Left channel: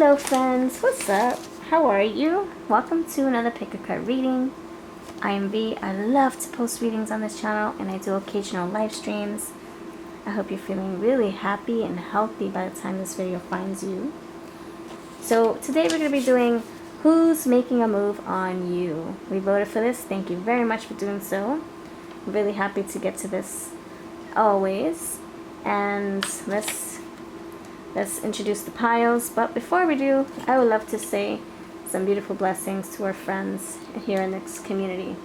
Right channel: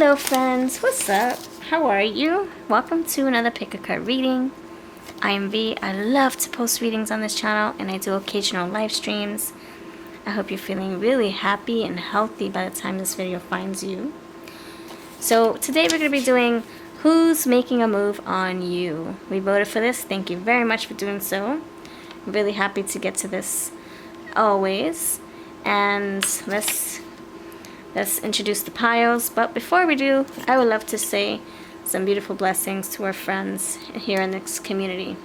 Hello friends, what's up? How are you? Welcome to another pick a card reading. I am V. I love to post readings on this channel and I do occasional live streams. I hope you're feeling really happy and healthy by the time this video finds you. So today we're going to be doing Who's Making a Move on You. We voted for this. Thank you very much for doing so. I'm really happy to get to this always. And let's introduce the piles. But before we do, I would love to say some beautiful blessings to our friends here in this community.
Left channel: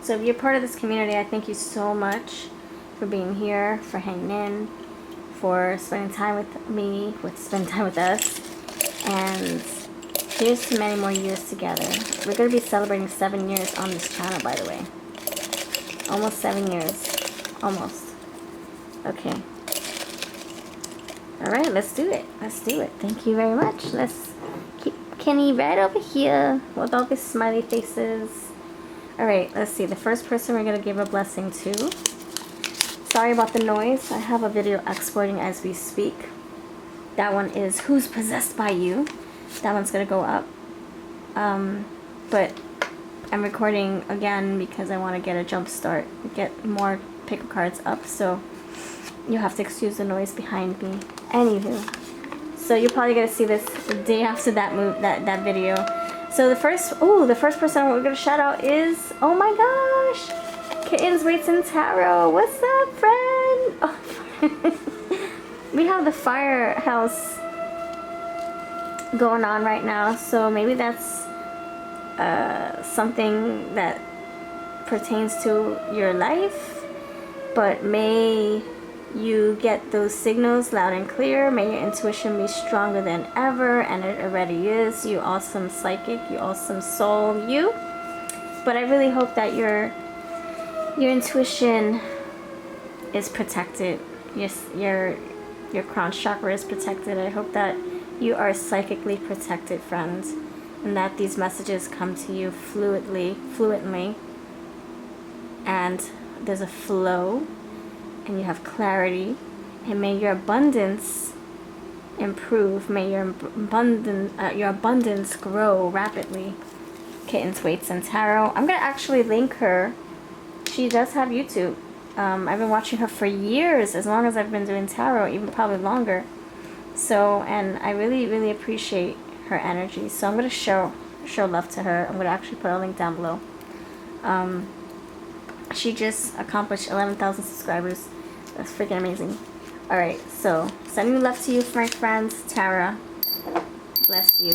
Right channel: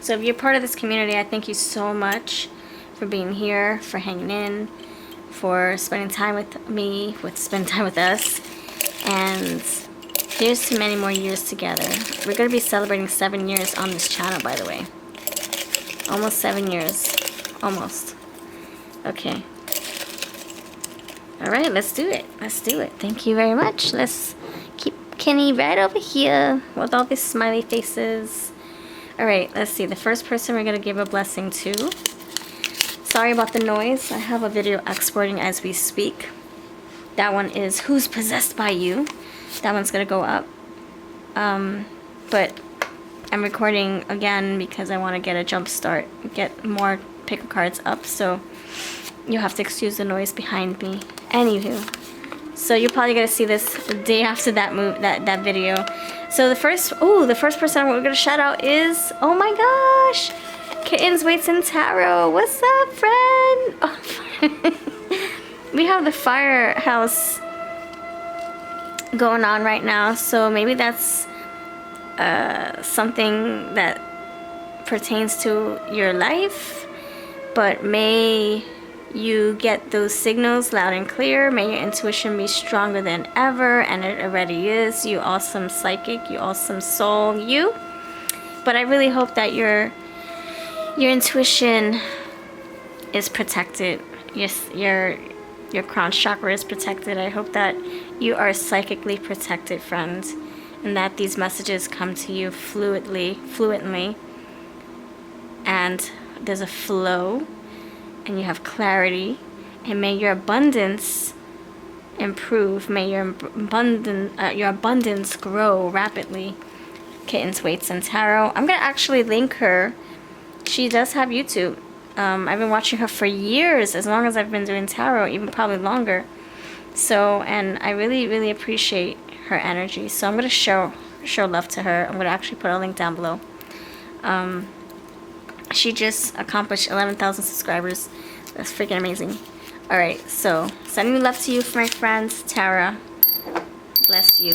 So if you're part of this community, I thank you so much for being here, for hanging in, for spending time with me, spending time with us. And here's to many more years together. We're going to be celebrating 7 years on this channel, by the way. Almost 7 years. Almost. Okay. Alright, let's do it. Let's do it. Thank you very much. Let's keep Kenny right over here with all these smiley faces. Alright, let's see. The first person we're going to give a blessing to. Sorry about the noise. I have a video exporting as we speak. That one is Who's Possessed by You. That one's going to go up. But I'm recording again because I want to get a jump start. Get more pick cards up. So you'll have to excuse the noise behind me. Anywho, so you're probably gonna see this the day after that video. So the first person we're gonna shout out is, oh my gosh, Kittens, Weights, and Tarot. What's up, friend? Oh, we have the firehouse going on right now, so maybe that's something that pertains to your life. But may you get those signals loud and clear. May your intuition be stronger than ever, and it already is. You awesome psychic, you awesome soul, you. But I really hope that your intuition is protected. Your crown chakra is protected. I hope that you are protected, friends, and that these messages come to you fluently, and there's a flow. And you have clarity, and may your abundance improve. May your abundance grow rapidly. Kittens, Weights, and Tarot. I'm gonna actually link her. She does have YouTube. I've been watching her for years, as long as I've been doing tarot, even probably longer. So, and I really appreciate her energy. So I'm gonna show love to her. I'm gonna actually put a link down below. She just accomplished 11,000 subscribers. That's freaking amazing. Alright, so sending love to you, my friends. Tara, bless you.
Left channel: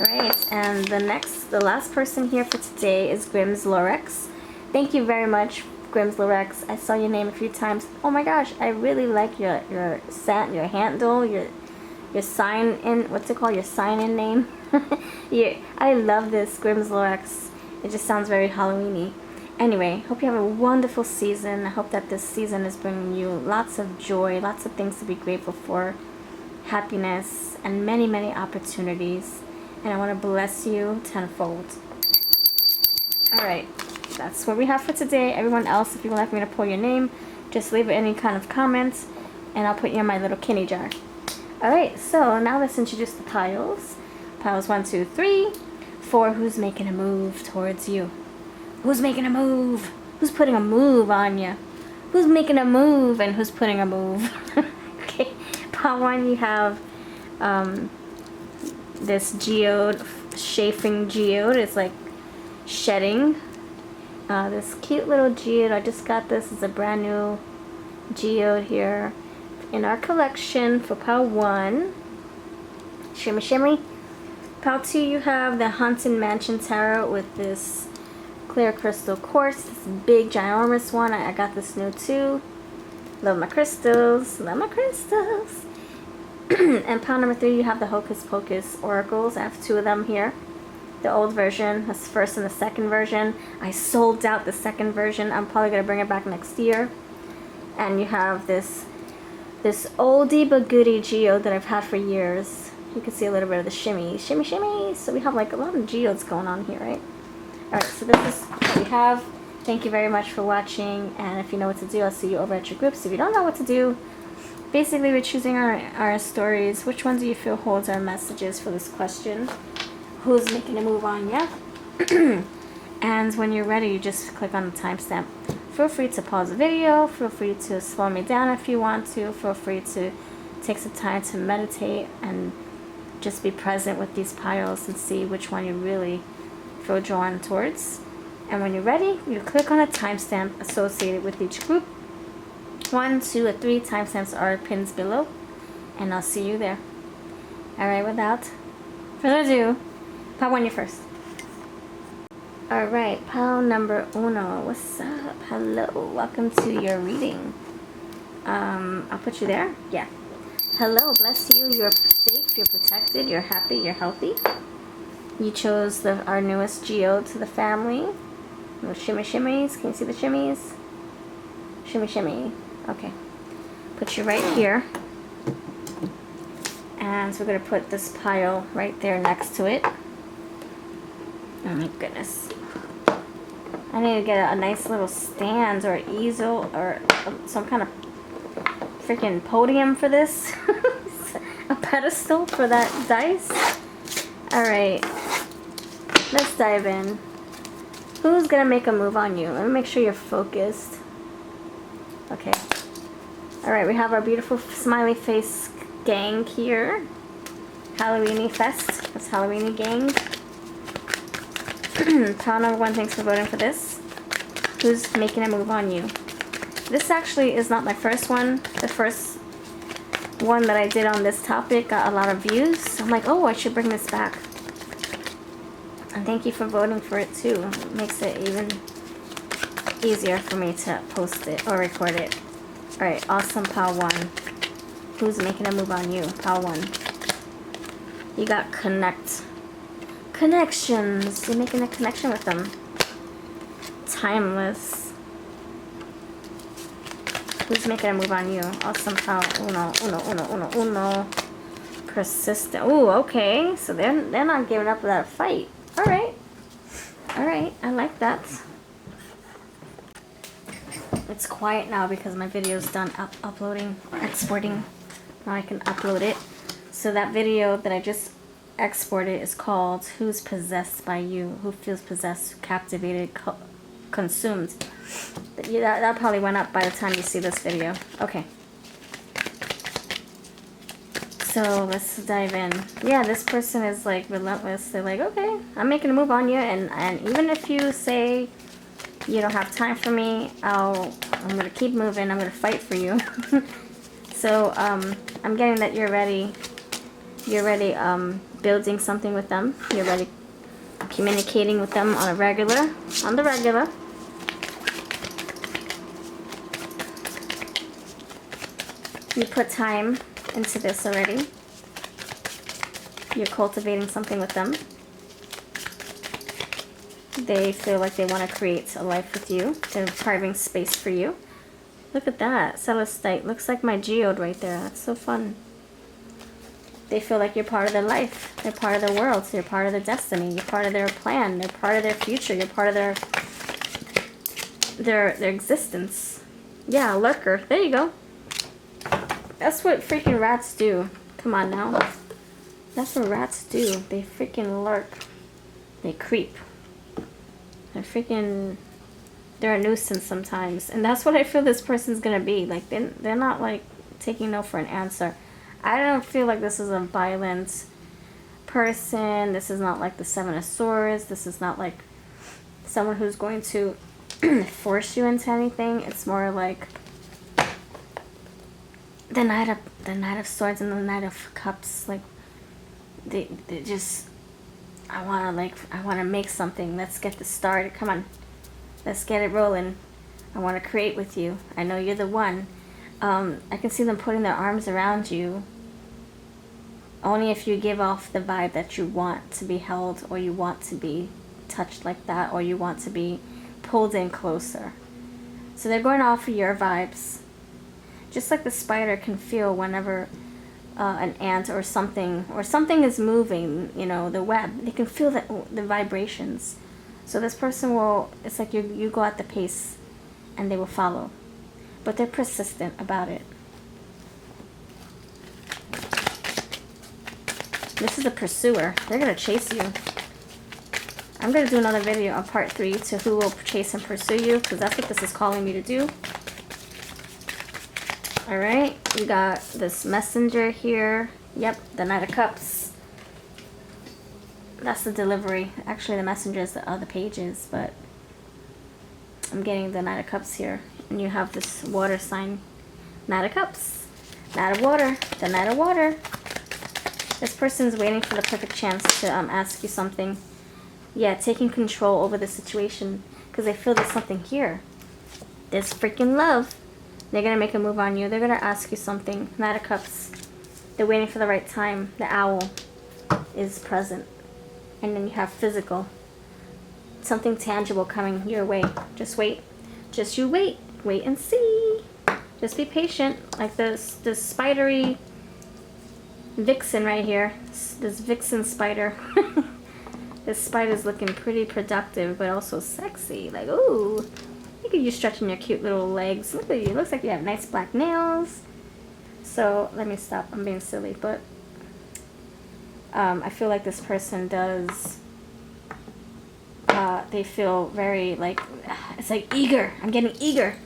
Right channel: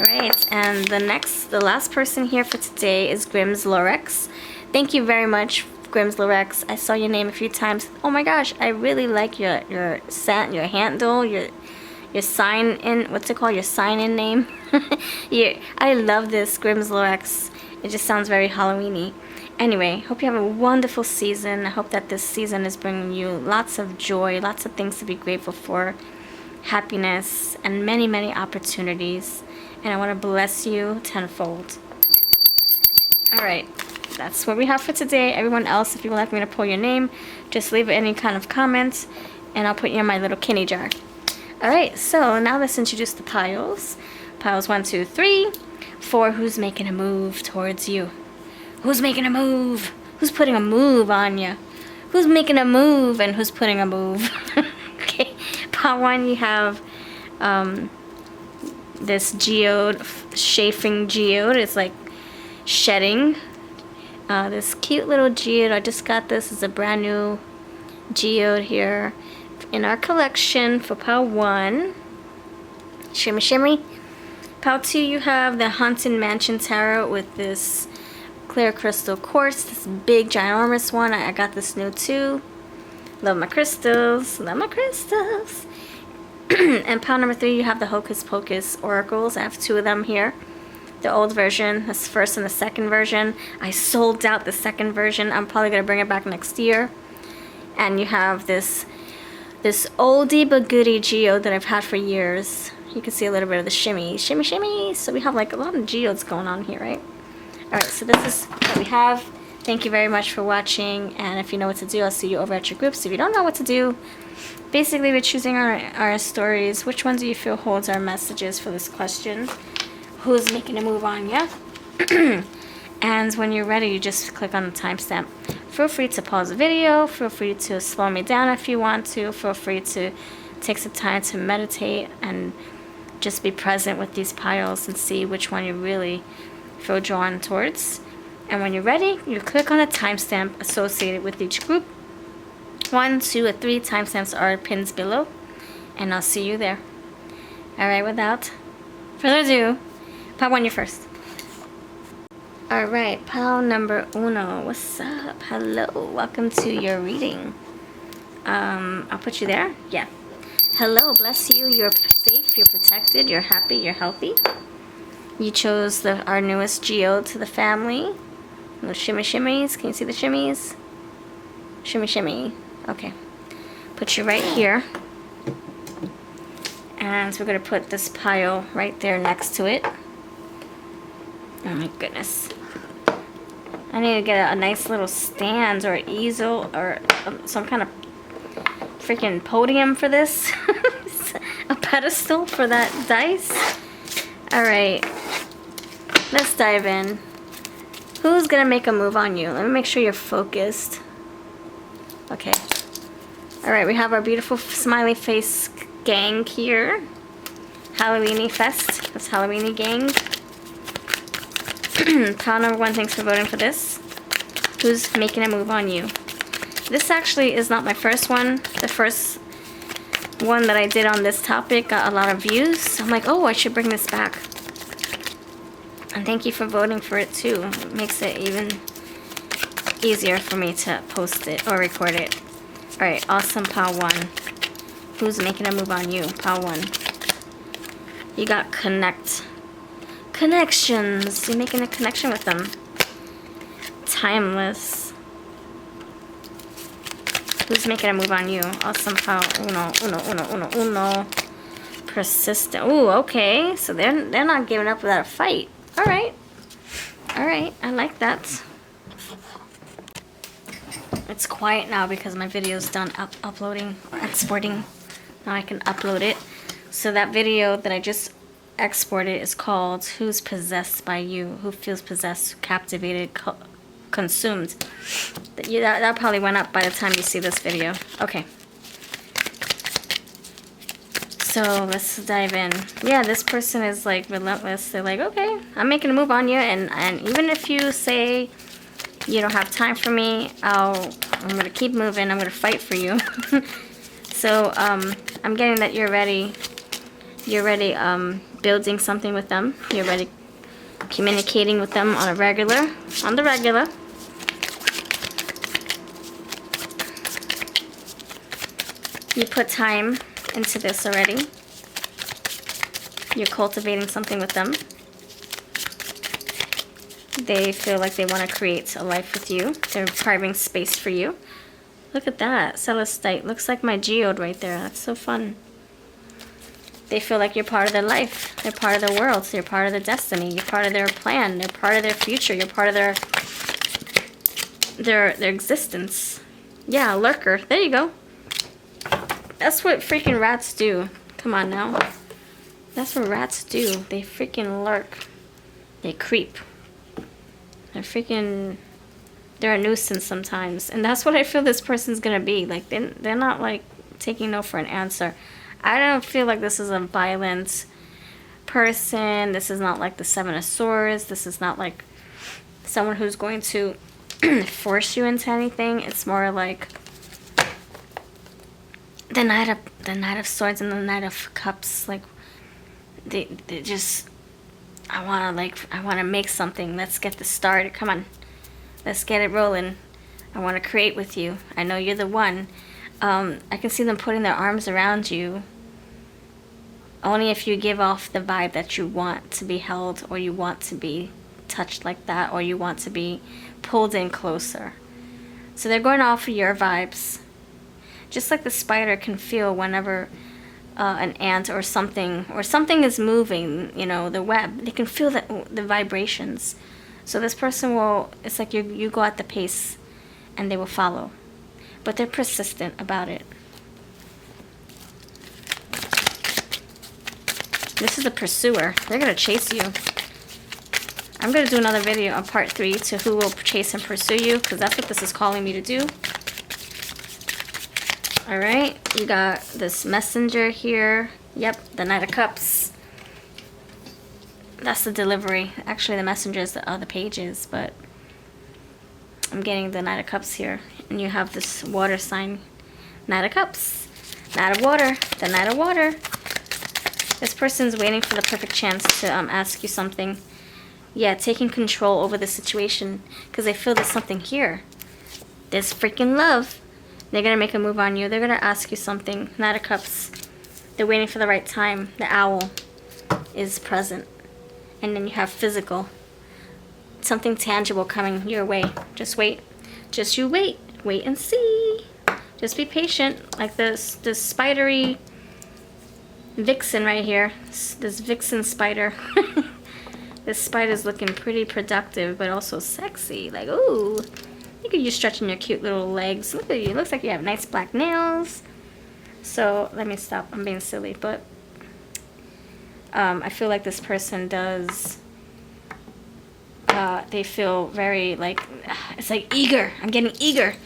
Alright, and the last person here for today is Grimm's Lorex. Thank you very much, Grimm's Lorex. I saw your name a few times. Oh my gosh, I really like your handle, your sign in, what's it called? Your sign in name. Yeah, I love this, Grimm's Lorex. It just sounds very Halloween-y. Anyway, hope you have a wonderful season. I hope that this season is bringing you lots of joy, lots of things to be grateful for, happiness, and many opportunities. And I want to bless you tenfold. Alright, that's what we have for today. Everyone else, if you would like me to pull your name, just leave any kind of comment, and I'll put you in my little Kenny jar. Alright, so now let's introduce the piles. Piles 1, 2, 3, 4. Who's making a move towards you? Who's making a move? Who's putting a move on you? Who's making a move and who's putting a move? Okay, part 1, you have this geode, chafing geode. It's like shedding. This cute little geode. I just got this. It's a brand new geode here in our collection for part 1. Shimmy, shimmy. Part 2, you have the Haunted Mansion Tarot with this clear crystal quartz, this big ginormous one. I got this new too. Love my crystals. Love my crystals. And pile number 3, you have the Hocus Pocus oracles. I have 2 of them here. The old version, this first and the second version. I sold out the second version. I'm probably gonna bring it back next year. And you have this oldie but goodie geode that I've had for years. You can see a little bit of the shimmy. So we have like a lot of geodes going on here, right? Alright, so this is what we have. Thank you very much for watching, and if you know what to do, I'll see you over at your groups. If you don't know what to do, basically we're choosing our stories. Which one do you feel holds our messages for this question? Who's making a move on you? And when you're ready, you just click on the timestamp. Feel free to pause the video. Feel free to slow me down if you want to. Feel free to take some time to meditate and just be present with these piles and see which one you really feel drawn towards. And when you're ready, you click on a timestamp associated with each group. 1, 2, or 3 timestamps are pinned below, and I'll see you there. Alright, without further ado, pile 1, you first. Alright, pile number 1. What's up? Hello, welcome to your reading. I'll put you there. Yeah. Hello, bless you. You're safe, you're protected, you're happy, you're healthy. You chose our newest geode to the family. Little shimmy shimmies. Can you see the shimmies? Shimmy shimmy. Okay. Put you right here. And so we're going to put this pile right there next to it. Oh my goodness. I need to get a nice little stand or easel or some kind of freaking podium for this. A pedestal for that dice. Alright. Let's dive in. Who's gonna make a move on you? Let me make sure you're focused. Okay. Alright, we have our beautiful smiley face gang here. Halloweeny fest. That's Halloweeny gang. Pile number 1, thanks for voting for this. Who's making a move on you? This actually is not my first one. The first one that I did on this topic got a lot of views. I'm like, oh, I should bring this back. And thank you for voting for it too. It makes it even easier for me to post it or record it. Alright, awesome, pile 1. Who's making a move on you? Pile 1. You got connections. You're making a connection with them. Timeless. Who's making a move on you? Awesome, pile. Uno. Persistent. Ooh, okay. So they're not giving up without a fight. Alright. Alright, I like that. It's quiet now because my video's done uploading or exporting. Now I can upload it. So that video that I just exported is called Who's Possessed by You? Who feels possessed, captivated, consumed? That probably went up by the time you see this video. Okay. So let's dive in. Yeah, this person is like relentless. They're like, okay, I'm making a move on you, and even if you say you don't have time for me, I'm gonna keep moving. I'm gonna fight for you. So I'm getting that you're ready. You're ready building something with them. You're ready communicating with them on the regular. You put time into this already. You're cultivating something with them. They feel like they want to create a life with you. They're carving space for you. Look at that. Celestite. Looks like my geode right there. That's so fun. They feel like you're part of their life. They're part of their world. So you're part of their destiny. You're part of their plan. You're part of their future. You're part of their existence. Yeah, lurker. There you go. That's what freaking rats do. Come on now. That's what rats do. They freaking lurk. They creep. They're a nuisance sometimes. And that's what I feel this person's gonna be. Like, they're not like taking no for an answer. I don't feel like this is a violent person. This is not like the 7 of Swords. This is not like someone who's going to force you into anything. It's more like the Knight of Swords and the Knight of Cups. Like they just, I wanna make something. Let's get this started. Come on, let's get it rolling. I want to create with you. I know you're the one. I can see them putting their arms around you. Only if you give off the vibe that you want to be held, or you want to be touched like that, or you want to be pulled in closer. So they're going off of your vibes. Just like the spider can feel whenever an ant or something is moving, you know, the web, they can feel the vibrations. So this person will, it's like you go at the pace and they will follow. But they're persistent about it. This is a pursuer. They're going to chase you. I'm going to do another video on part 3 to who will chase and pursue you, because that's what this is calling me to do. Alright, we got this messenger here. Yep, the Knight of Cups. That's the delivery. Actually, the messenger is the other pages, but I'm getting the Knight of Cups here. And you have this water sign. Knight of Cups. Knight of Water. The Knight of Water. This person's waiting for the perfect chance to ask you something. Yeah, taking control over the situation. Because they feel there's something here. There's freaking love. They're going to make a move on you. They're going to ask you something. Knight of Cups. They're waiting for the right time. The owl is present. And then you have physical. Something tangible coming your way. Just wait. Just you wait. Wait and see. Just be patient. Like this spidery vixen right here. This vixen spider. This spider's looking pretty productive, but also sexy. Like, ooh. Look at you stretching your cute little legs. Look at you. Looks like you have nice black nails. So, let me stop. I'm being silly, but I feel like this person does, they feel very, like, it's like eager. I'm getting eager.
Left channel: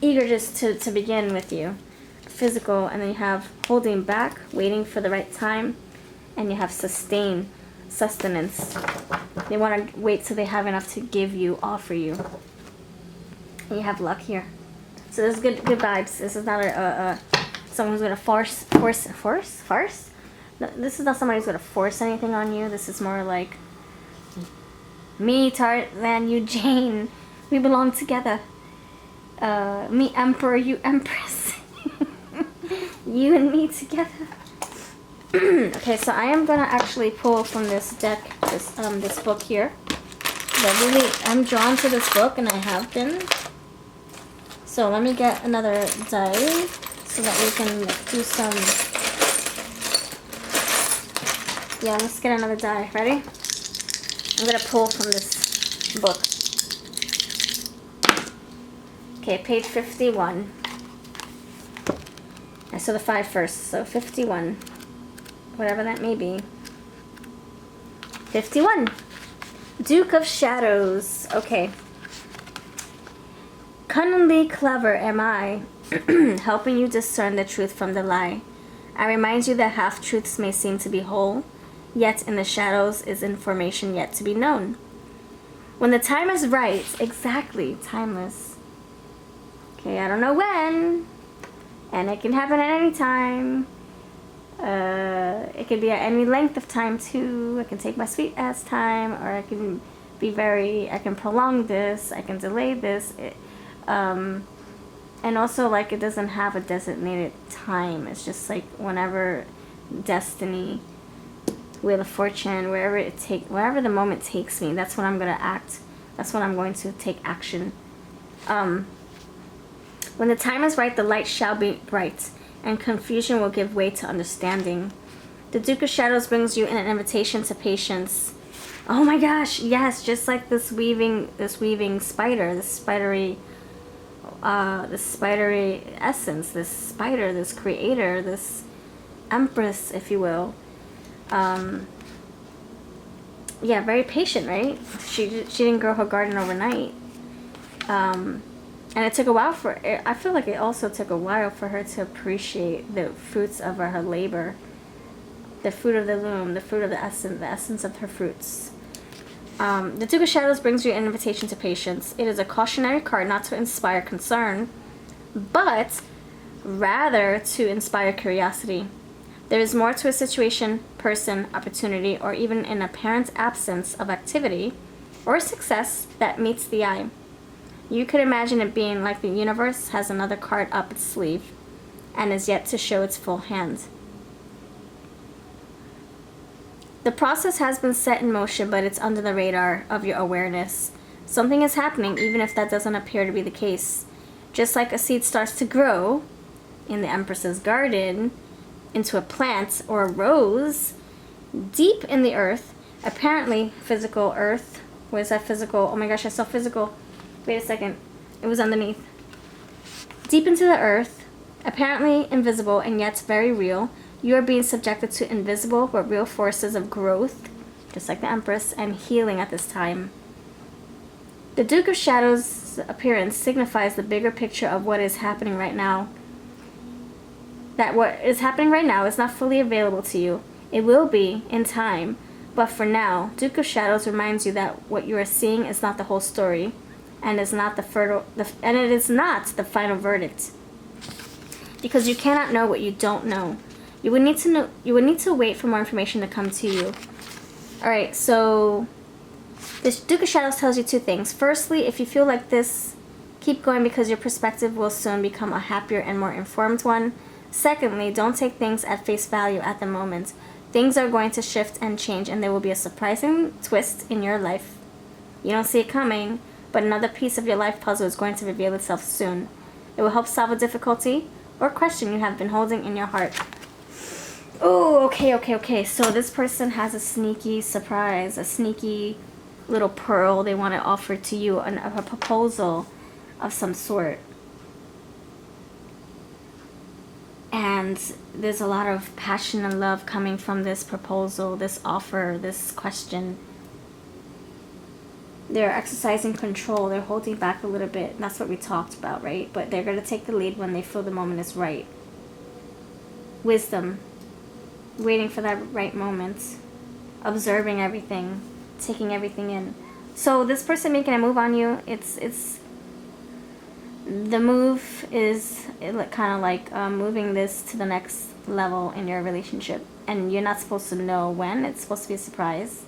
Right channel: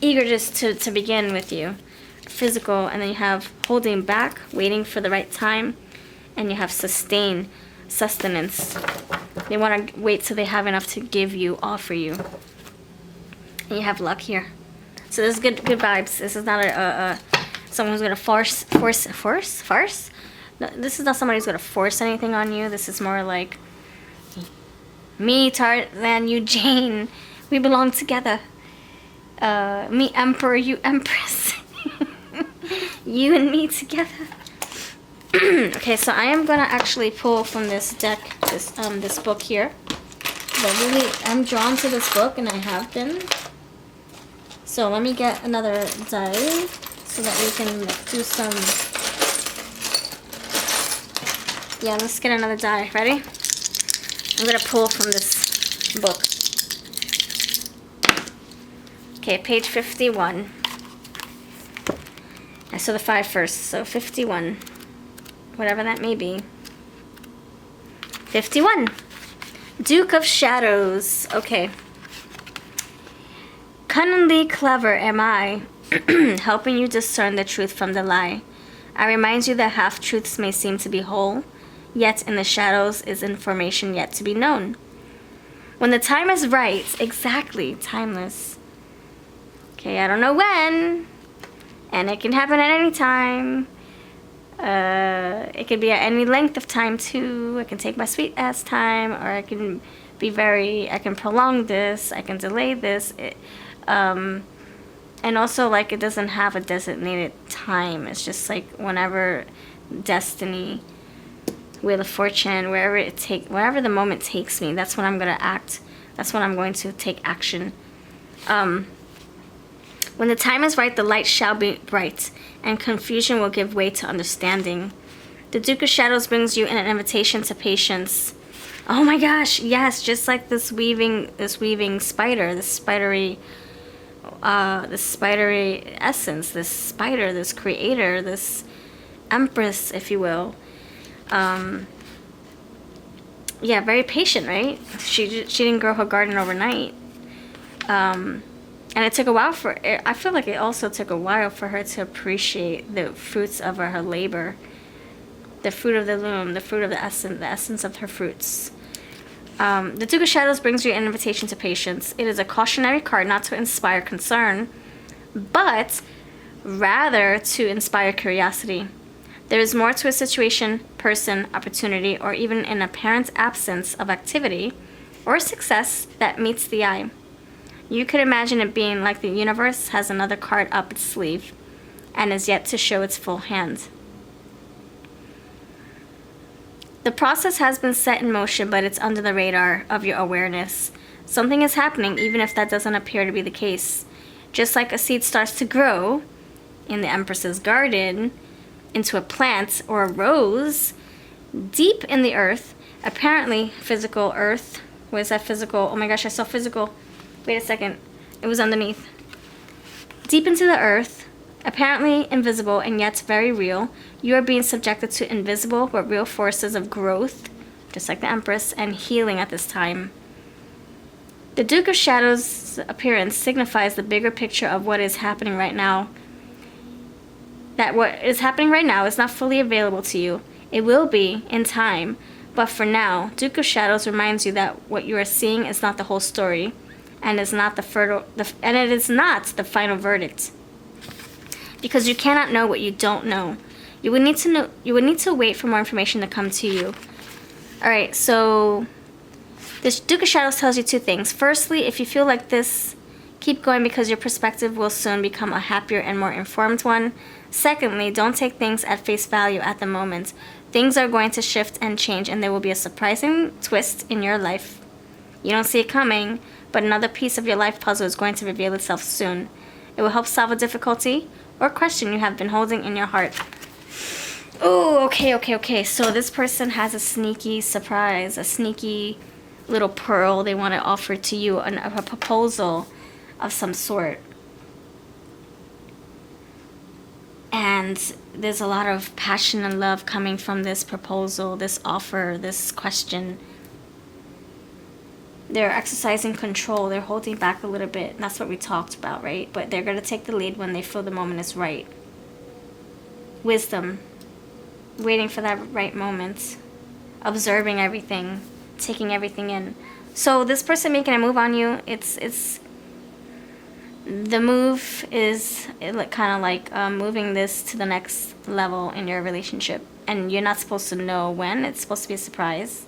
Eager just to begin with you. Physical, and then you have holding back, waiting for the right time, and you have sustain, sustenance. They want to wait till they have enough to give you, offer you. And you have luck here. So this is good vibes. This is not someone who's going to force? No, this is not somebody who's going to force anything on you. This is more like, me, Tarzan, you, Jane. We belong together. Me, Emperor, you, Empress. You and me together. Okay, so I am going to actually pull from this deck, this book here. But really, I'm drawn to this book, and I have been. So let me get another die so that we can do some. Yeah, let's get another die. Ready? I'm gonna pull from this book. Okay, page 51. I saw the 5 first, so 51. Whatever that may be. 51. Duke of Shadows. Okay. Cunningly clever am I, helping you discern the truth from the lie. I remind you that half-truths may seem to be whole, yet in the shadows is information yet to be known. When the time is right, exactly, timeless. Okay, I don't know when, and it can happen at any time. It can be at any length of time too. I can take my sweet ass time, or I can I can prolong this, I can delay this. And also, like, it doesn't have a designated time. It's just like whenever destiny, Wheel of Fortune, wherever the moment takes me, that's when I'm going to act. That's when I'm going to take action. When the time is right, the light shall be bright, and confusion will give way to understanding. The Duke of Shadows brings you an invitation to patience. Oh my gosh, yes, just like this weaving spider, this spidery essence, this spider, this creator, this empress, if you will. Yeah, very patient, right? She didn't grow her garden overnight. And it took a while I feel like it also took a while for her to appreciate the fruits of her labor. The fruit of the loom, the fruit of the essence of her fruits. The Duke of Shadows brings you an invitation to patience. It is a cautionary card not to inspire concern, but rather to inspire curiosity. There is more to a situation, person, opportunity, or even an apparent absence of activity or success that meets the eye. You could imagine it being like the universe has another card up its sleeve and is yet to show its full hand. The process has been set in motion, but it's under the radar of your awareness. Something is happening, even if that doesn't appear to be the case. Just like a seed starts to grow in the Empress's garden into a plant or a rose deep in the earth, apparently physical earth. What is that physical? Oh my gosh, I saw physical. Wait a second. It was underneath. Deep into the earth, apparently invisible and yet very real, You are being subjected to invisible but real forces of growth, just like the Empress, and healing at this time. The Duke of Shadows' appearance signifies the bigger picture of what is happening right now. That what is happening right now is not fully available to you. It will be in time, but for now, Duke of Shadows reminds you that what you are seeing is not the whole story, and it is not the final verdict. Because you cannot know what you don't know. You would need to know. You would need to wait for more information to come to you. All right, so this Duke of Shadows tells you two things. Firstly, if you feel like this, keep going because your perspective will soon become a happier and more informed one. Secondly, don't take things at face value at the moment. Things are going to shift and change, and there will be a surprising twist in your life. You don't see it coming, but another piece of your life puzzle is going to reveal itself soon. It will help solve a difficulty or question you have been holding in your heart. Oh, okay. So this person has a sneaky surprise, a sneaky little pearl they want to offer to you, a proposal of some sort. And there's a lot of passion and love coming from this proposal, this offer, this question. They're exercising control. They're holding back a little bit. And that's what we talked about, right? But they're going to take the lead when they feel the moment is right. Wisdom. Waiting for that right moment. Observing everything. Taking everything in. So this person making a move on you, it's the move is kind of like moving this to the next level in your relationship. And you're not supposed to know when. It's supposed to be a surprise.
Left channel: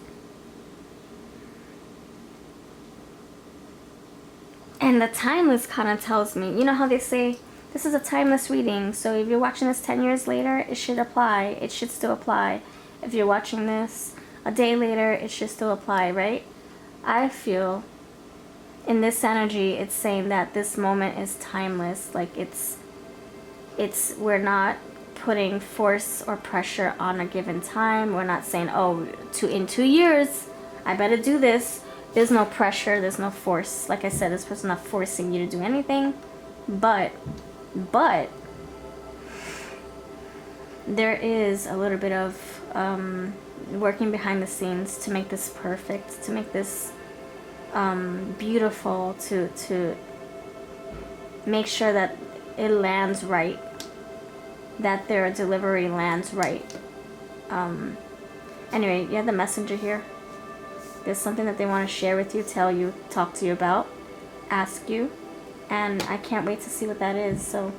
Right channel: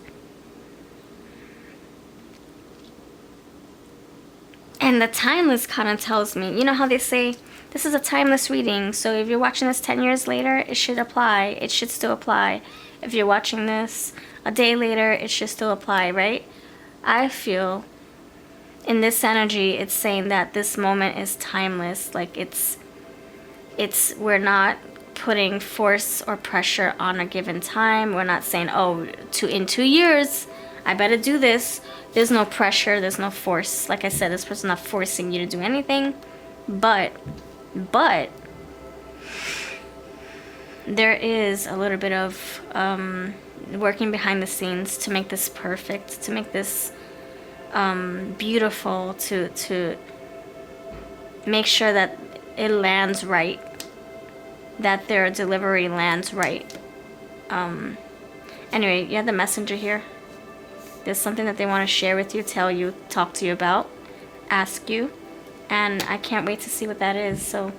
And the timeless kind of tells me, you know how they say, this is a timeless reading, so if you're watching this 10 years later, it should apply. It should still apply. If you're watching this a day later, it should still apply, right? I feel in this energy, it's saying that this moment is timeless. Like we're not putting force or pressure on a given time. We're not saying, oh, in 2 years, I better do this. There's no pressure, there's no force. Like I said, this person's not forcing you to do anything. But there is a little bit of working behind the scenes to make this perfect, to make this beautiful, to make sure that it lands right, that their delivery lands right. Anyway, you have the messenger here. There's something that they want to share with you, tell you, talk to you about, ask you, and I can't wait to see what that is. So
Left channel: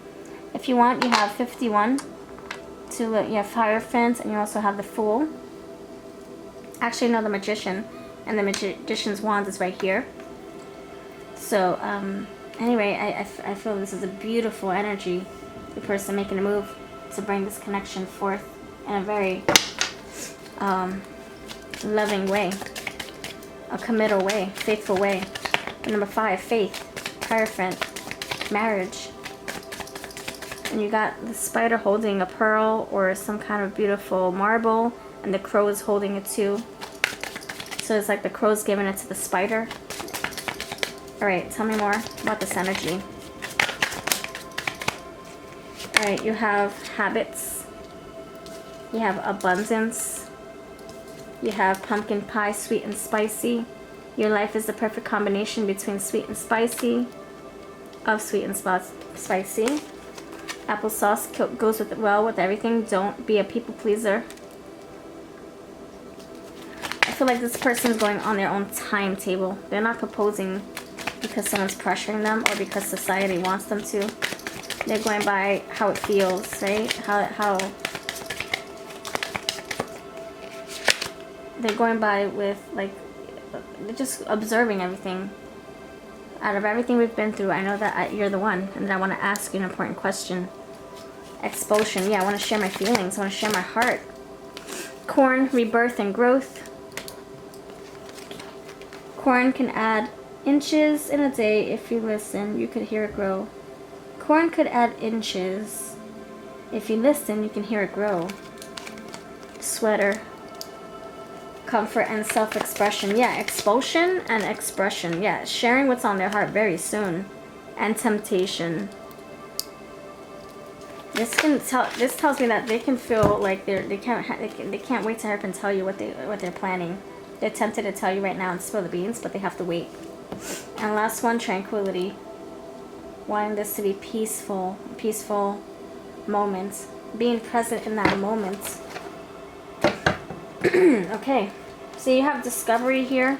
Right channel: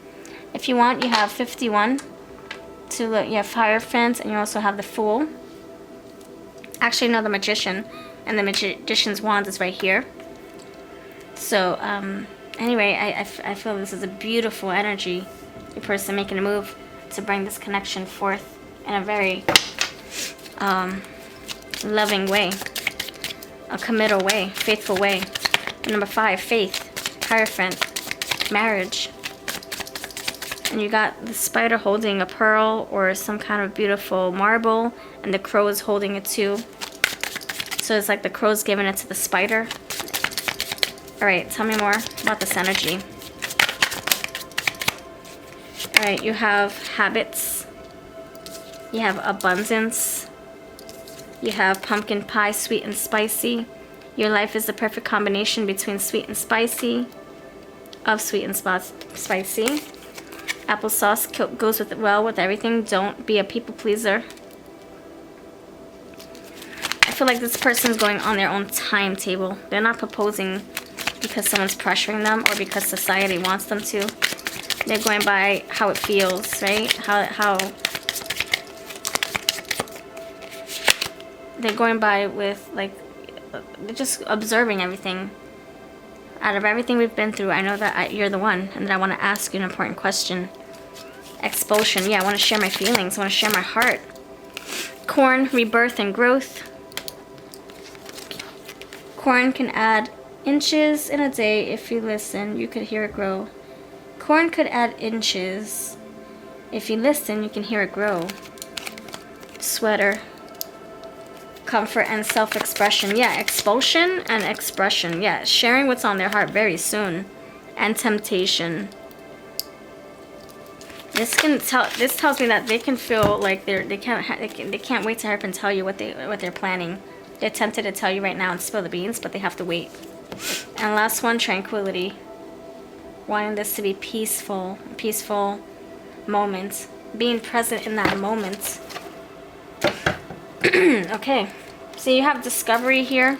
if you want, you have 51 to look. You have Hierophant, and you also have the Fool. Actually, no, the Magician, and the Magician's wand is right here. So anyway, I feel this is a beautiful energy. Your person making a move to bring this connection forth in a very loving way. A committal way, faithful way. And number 5, faith, Hierophant, marriage. And you got the spider holding a pearl or some kind of beautiful marble, and the crow is holding it too. So it's like the crow's giving it to the spider. Alright, tell me more about this energy. Alright, you have habits. You have abundance. You have pumpkin pie, sweet and spicy. Your life is the perfect combination between sweet and spicy. Sweet and spicy. Applesauce goes well with everything. Don't be a people pleaser. I feel like this person's going on their own timetable. They're not proposing because someone's pressuring them or because society wants them to. They're going by how it feels, right? How they're going by with, like, they're just observing everything. Out of everything we've been through, I know that you're the one, and that I want to ask you an important question. Expulsion. Yeah, I want to share my feelings. I want to share my heart. Corn, rebirth, and growth. Corn can add inches in a day. If you listen, you could hear it grow. Corn could add inches. If you listen, you can hear it grow. Sweater. Comfort and self-expression. Yeah, expulsion and expression. Yeah, sharing what's on their heart very soon. And temptation. This tells me that they can feel like they can't wait to hurry up and tell you what they're planning. They're tempted to tell you right now and spill the beans, but they have to wait. And last one, tranquility. Wanting this to be peaceful moment. Being present in that moment. Okay, so you have discovery here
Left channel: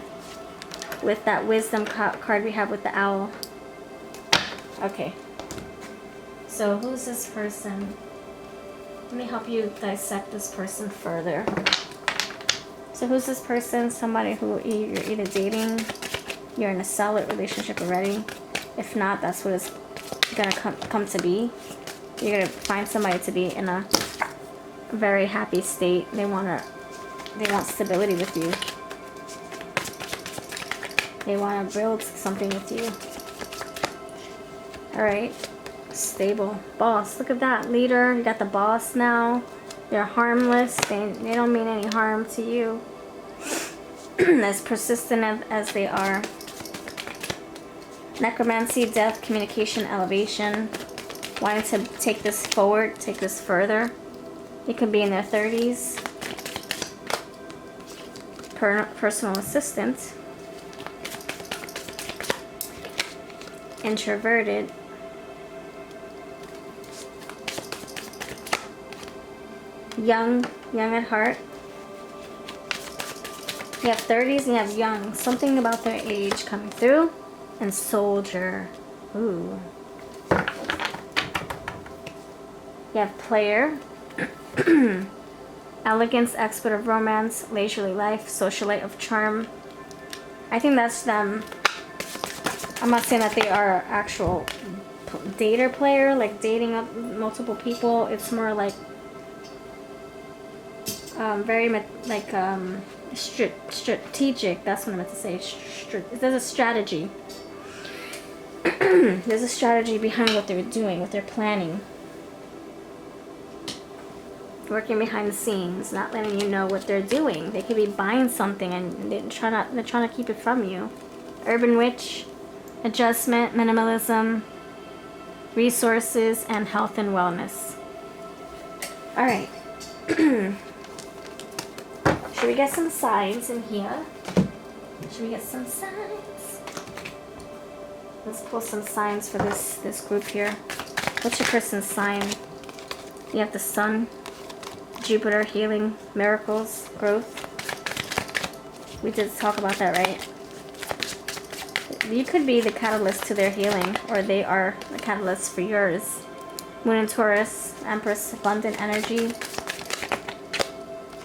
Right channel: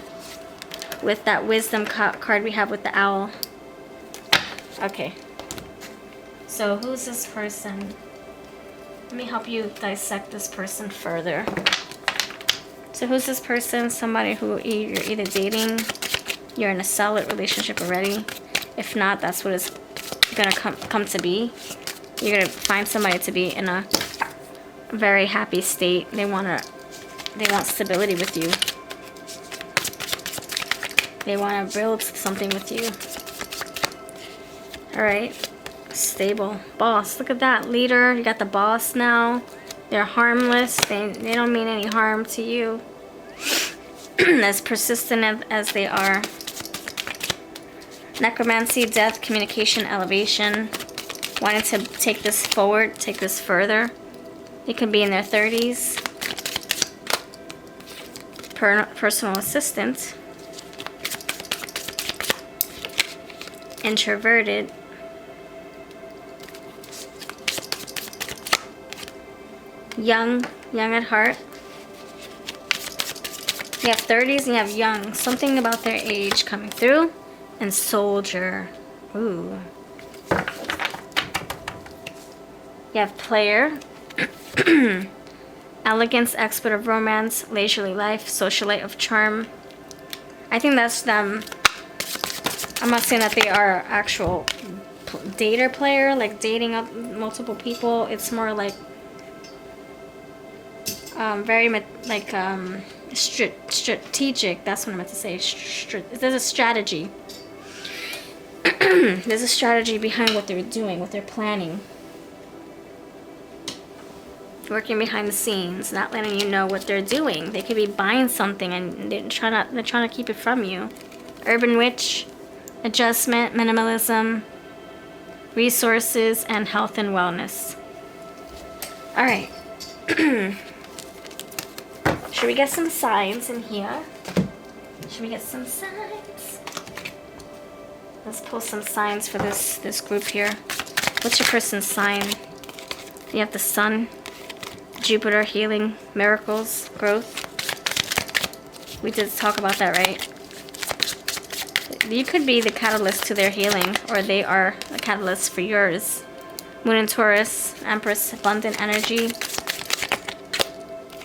with that wisdom card we have with the owl. Okay. So who's this person? Let me help you dissect this person further. So who's this person? Somebody who you're either dating, you're in a solid relationship already. If not, that's what it's gonna come to be. You're gonna find somebody to be in a very happy state. They want stability with you. They want to build something with you. All right. Stable. Boss. Look at that. Leader. You got the boss now. They're harmless. They don't mean any harm to you. As persistent as they are. Necromancy, death, communication, elevation. Wanting to take this forward, take this further. They could be in their 30s. Personal assistant. Introverted. Young at heart. You have 30s and you have young. Something about their age coming through. And soldier. Ooh. You have player. Elegance, expert of romance, leisurely life, socialite of charm. I think that's them. I'm not saying that they are actual dater player, like dating up multiple people. It's more like very strategic. That's what I meant to say. There's a strategy. There's a strategy behind what they're doing, what they're planning. Working behind the scenes, not letting you know what they're doing. They could be buying something and they're trying to keep it from you. Urban witch, adjustment, minimalism, resources, and health and wellness. All right. Should we get some signs in here? Should we get some signs? Let's pull some signs for this group here. What's your person's sign? You have the sun, Jupiter, healing, miracles, growth. We did talk about that, right? You could be the catalyst to their healing, or they are a catalyst for yours. Moon and Taurus, Empress, abundant energy,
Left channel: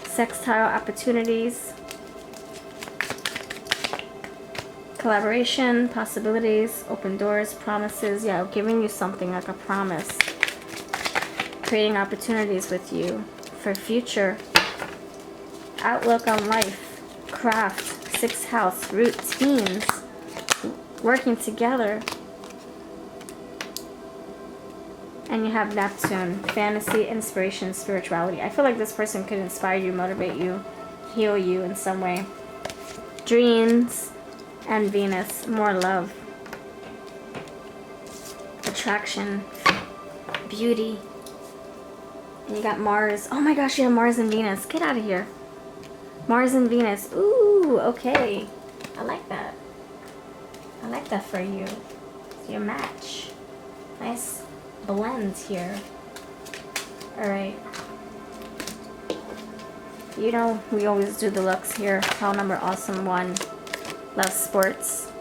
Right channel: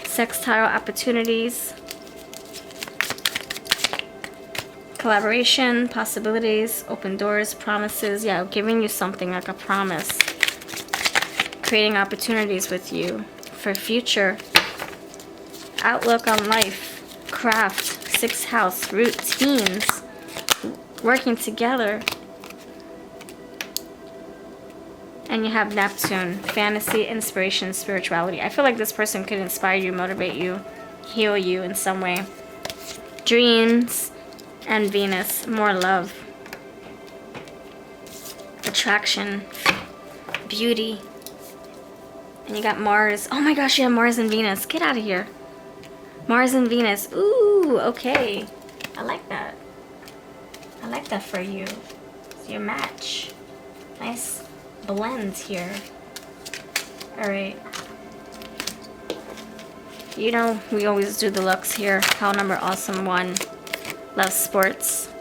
sextile opportunities, collaboration, possibilities, open doors, promises. Yeah, giving you something like a promise. Creating opportunities with you for future. Outlook on life, craft, sixth house, routines, working together. And you have Neptune, fantasy, inspiration, spirituality. I feel like this person could inspire you, motivate you, heal you in some way. Dreams and Venus, more love. Attraction, beauty. And you got Mars. Oh my gosh, you have Mars and Venus. Get out of here. Mars and Venus. Ooh, okay. I like that. I like that for you. It's your match. Nice blends here. Alright. You know, we always do the looks here. Pile number awesome 1. Love sports.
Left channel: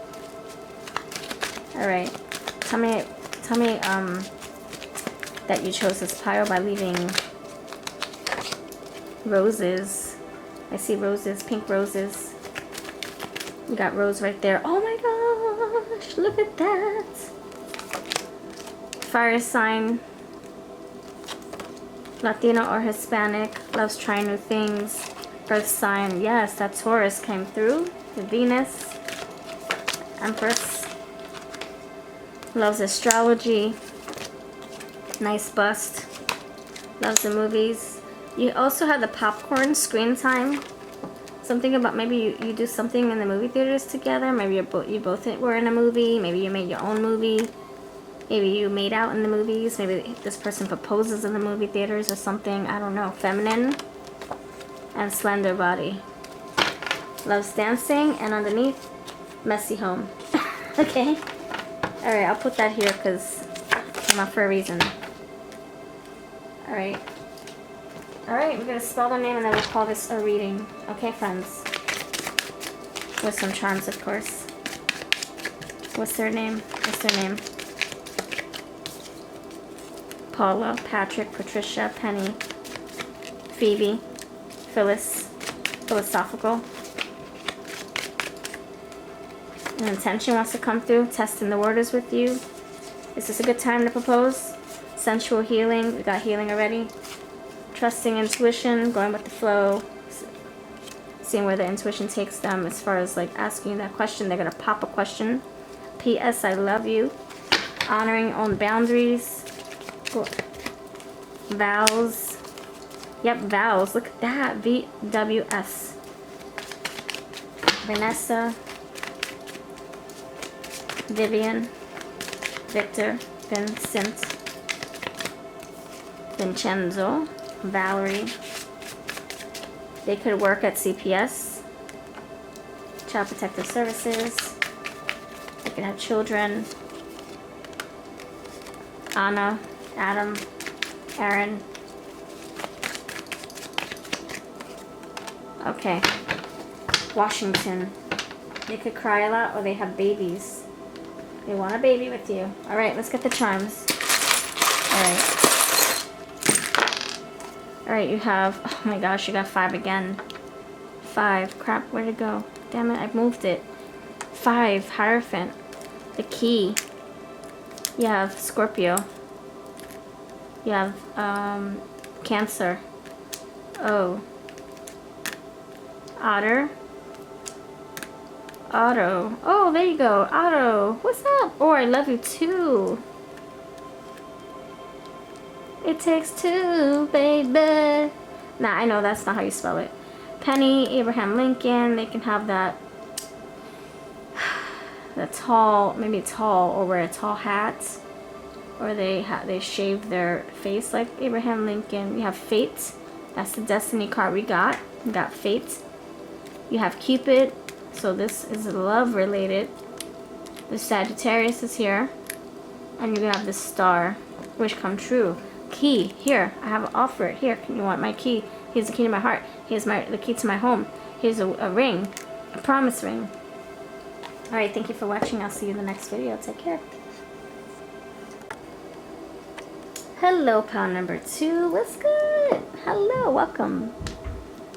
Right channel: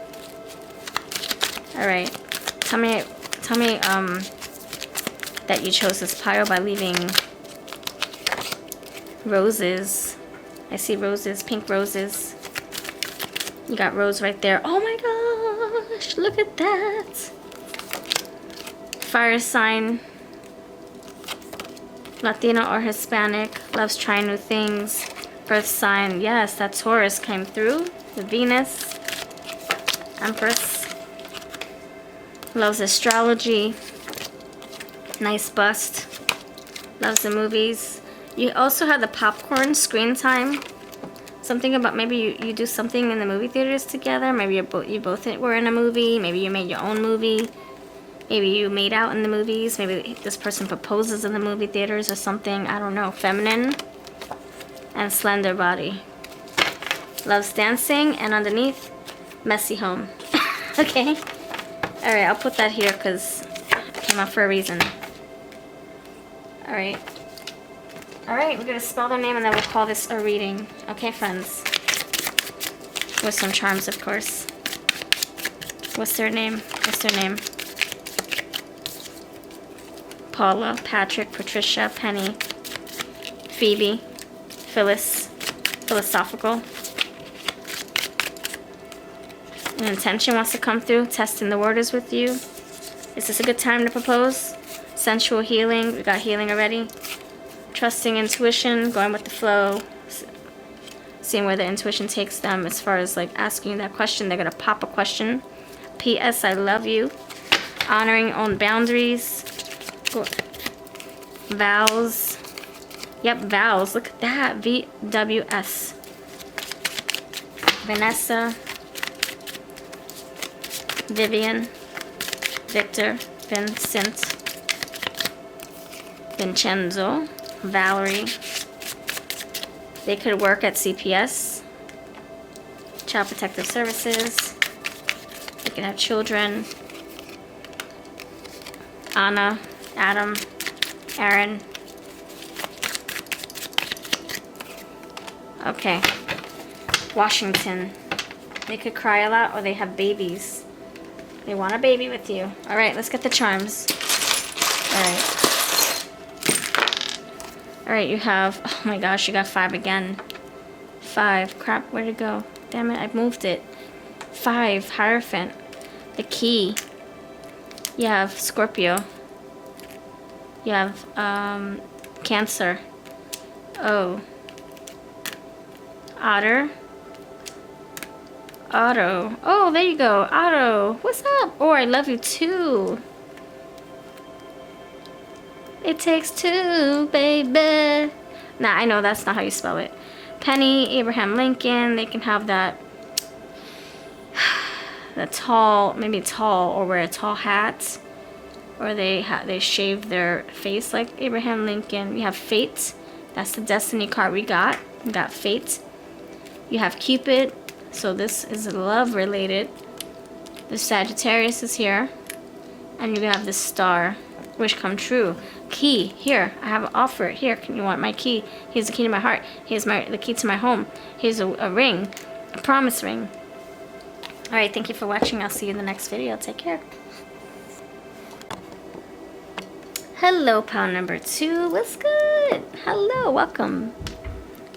Alright. Tell me that you chose this pile by leaving roses. I see roses, pink roses. You got rose right there. Oh my gosh, look at that. Fire sign. Latina or Hispanic. Loves trying new things. Birth sign. Yes, that Taurus came through. The Venus. Empress. Loves astrology. Nice bust. Loves the movies. You also have the popcorn screen time. Something about maybe you do something in the movie theaters together. Maybe you both were in a movie. Maybe you made your own movie. Maybe you made out in the movies. Maybe this person proposes in the movie theaters or something. I don't know. Feminine and slender body. Loves dancing, and underneath, messy home. Okay? Alright, I'll put that here because it came out for a reason. Alright. Alright, we're going to spell their name and then we'll call this a reading. Okay, friends? With some charms, of course. What's their name? What's their name? Paula, Patrick, Patricia, Penny, Phoebe, Phyllis, Philosophical. An intention wants to come through. Testing the waters with you. Is this a good time to propose? Sensual healing. We got healing already. Trusting intuition. Going with the flow. Seeing where the intuition takes them as far as like asking that question. They're going to pop a question. P.S. I love you. Honoring own boundaries. Vows. Yep, vows. Look at that. VWS. Vanessa. Vivian, Victor, Vincent, Vincenzo, Valerie. They could work at CPS, Child Protective Services. They could have children. Anna, Adam, Aaron. Okay. Washington. They could cry a lot or they have babies. They want a baby with you. Alright, let's get the charms. Alright. Alright, you have... Oh my gosh, you got 5 again. 5. Crap, where'd it go? Damn it, I moved it. 5. Hierophant. The key. You have Scorpio. You have, Cancer. Oh. Otter. Otto. Oh, there you go. Otto. What's up? Oh, I love you too. It takes 2, baby. Nah, I know that's not how you spell it. Penny, Abraham Lincoln. They can have that. The tall, maybe tall, or wear a tall hat. Or they shave their face like Abraham Lincoln. We have Fate. That's the Destiny card we got. We got Fate. You have Cupid. So this is love related. The Sagittarius is here. And you have the Star. Wish come true. Key. Here. I have an offer. Here. Can you want my key? Here's the key to my heart. Here's the key to my home. Here's a ring. A promise ring. Alright, thank you for watching. I'll see you in the next video. Take care. Hello, pal number 2. What's good? Hello. Welcome.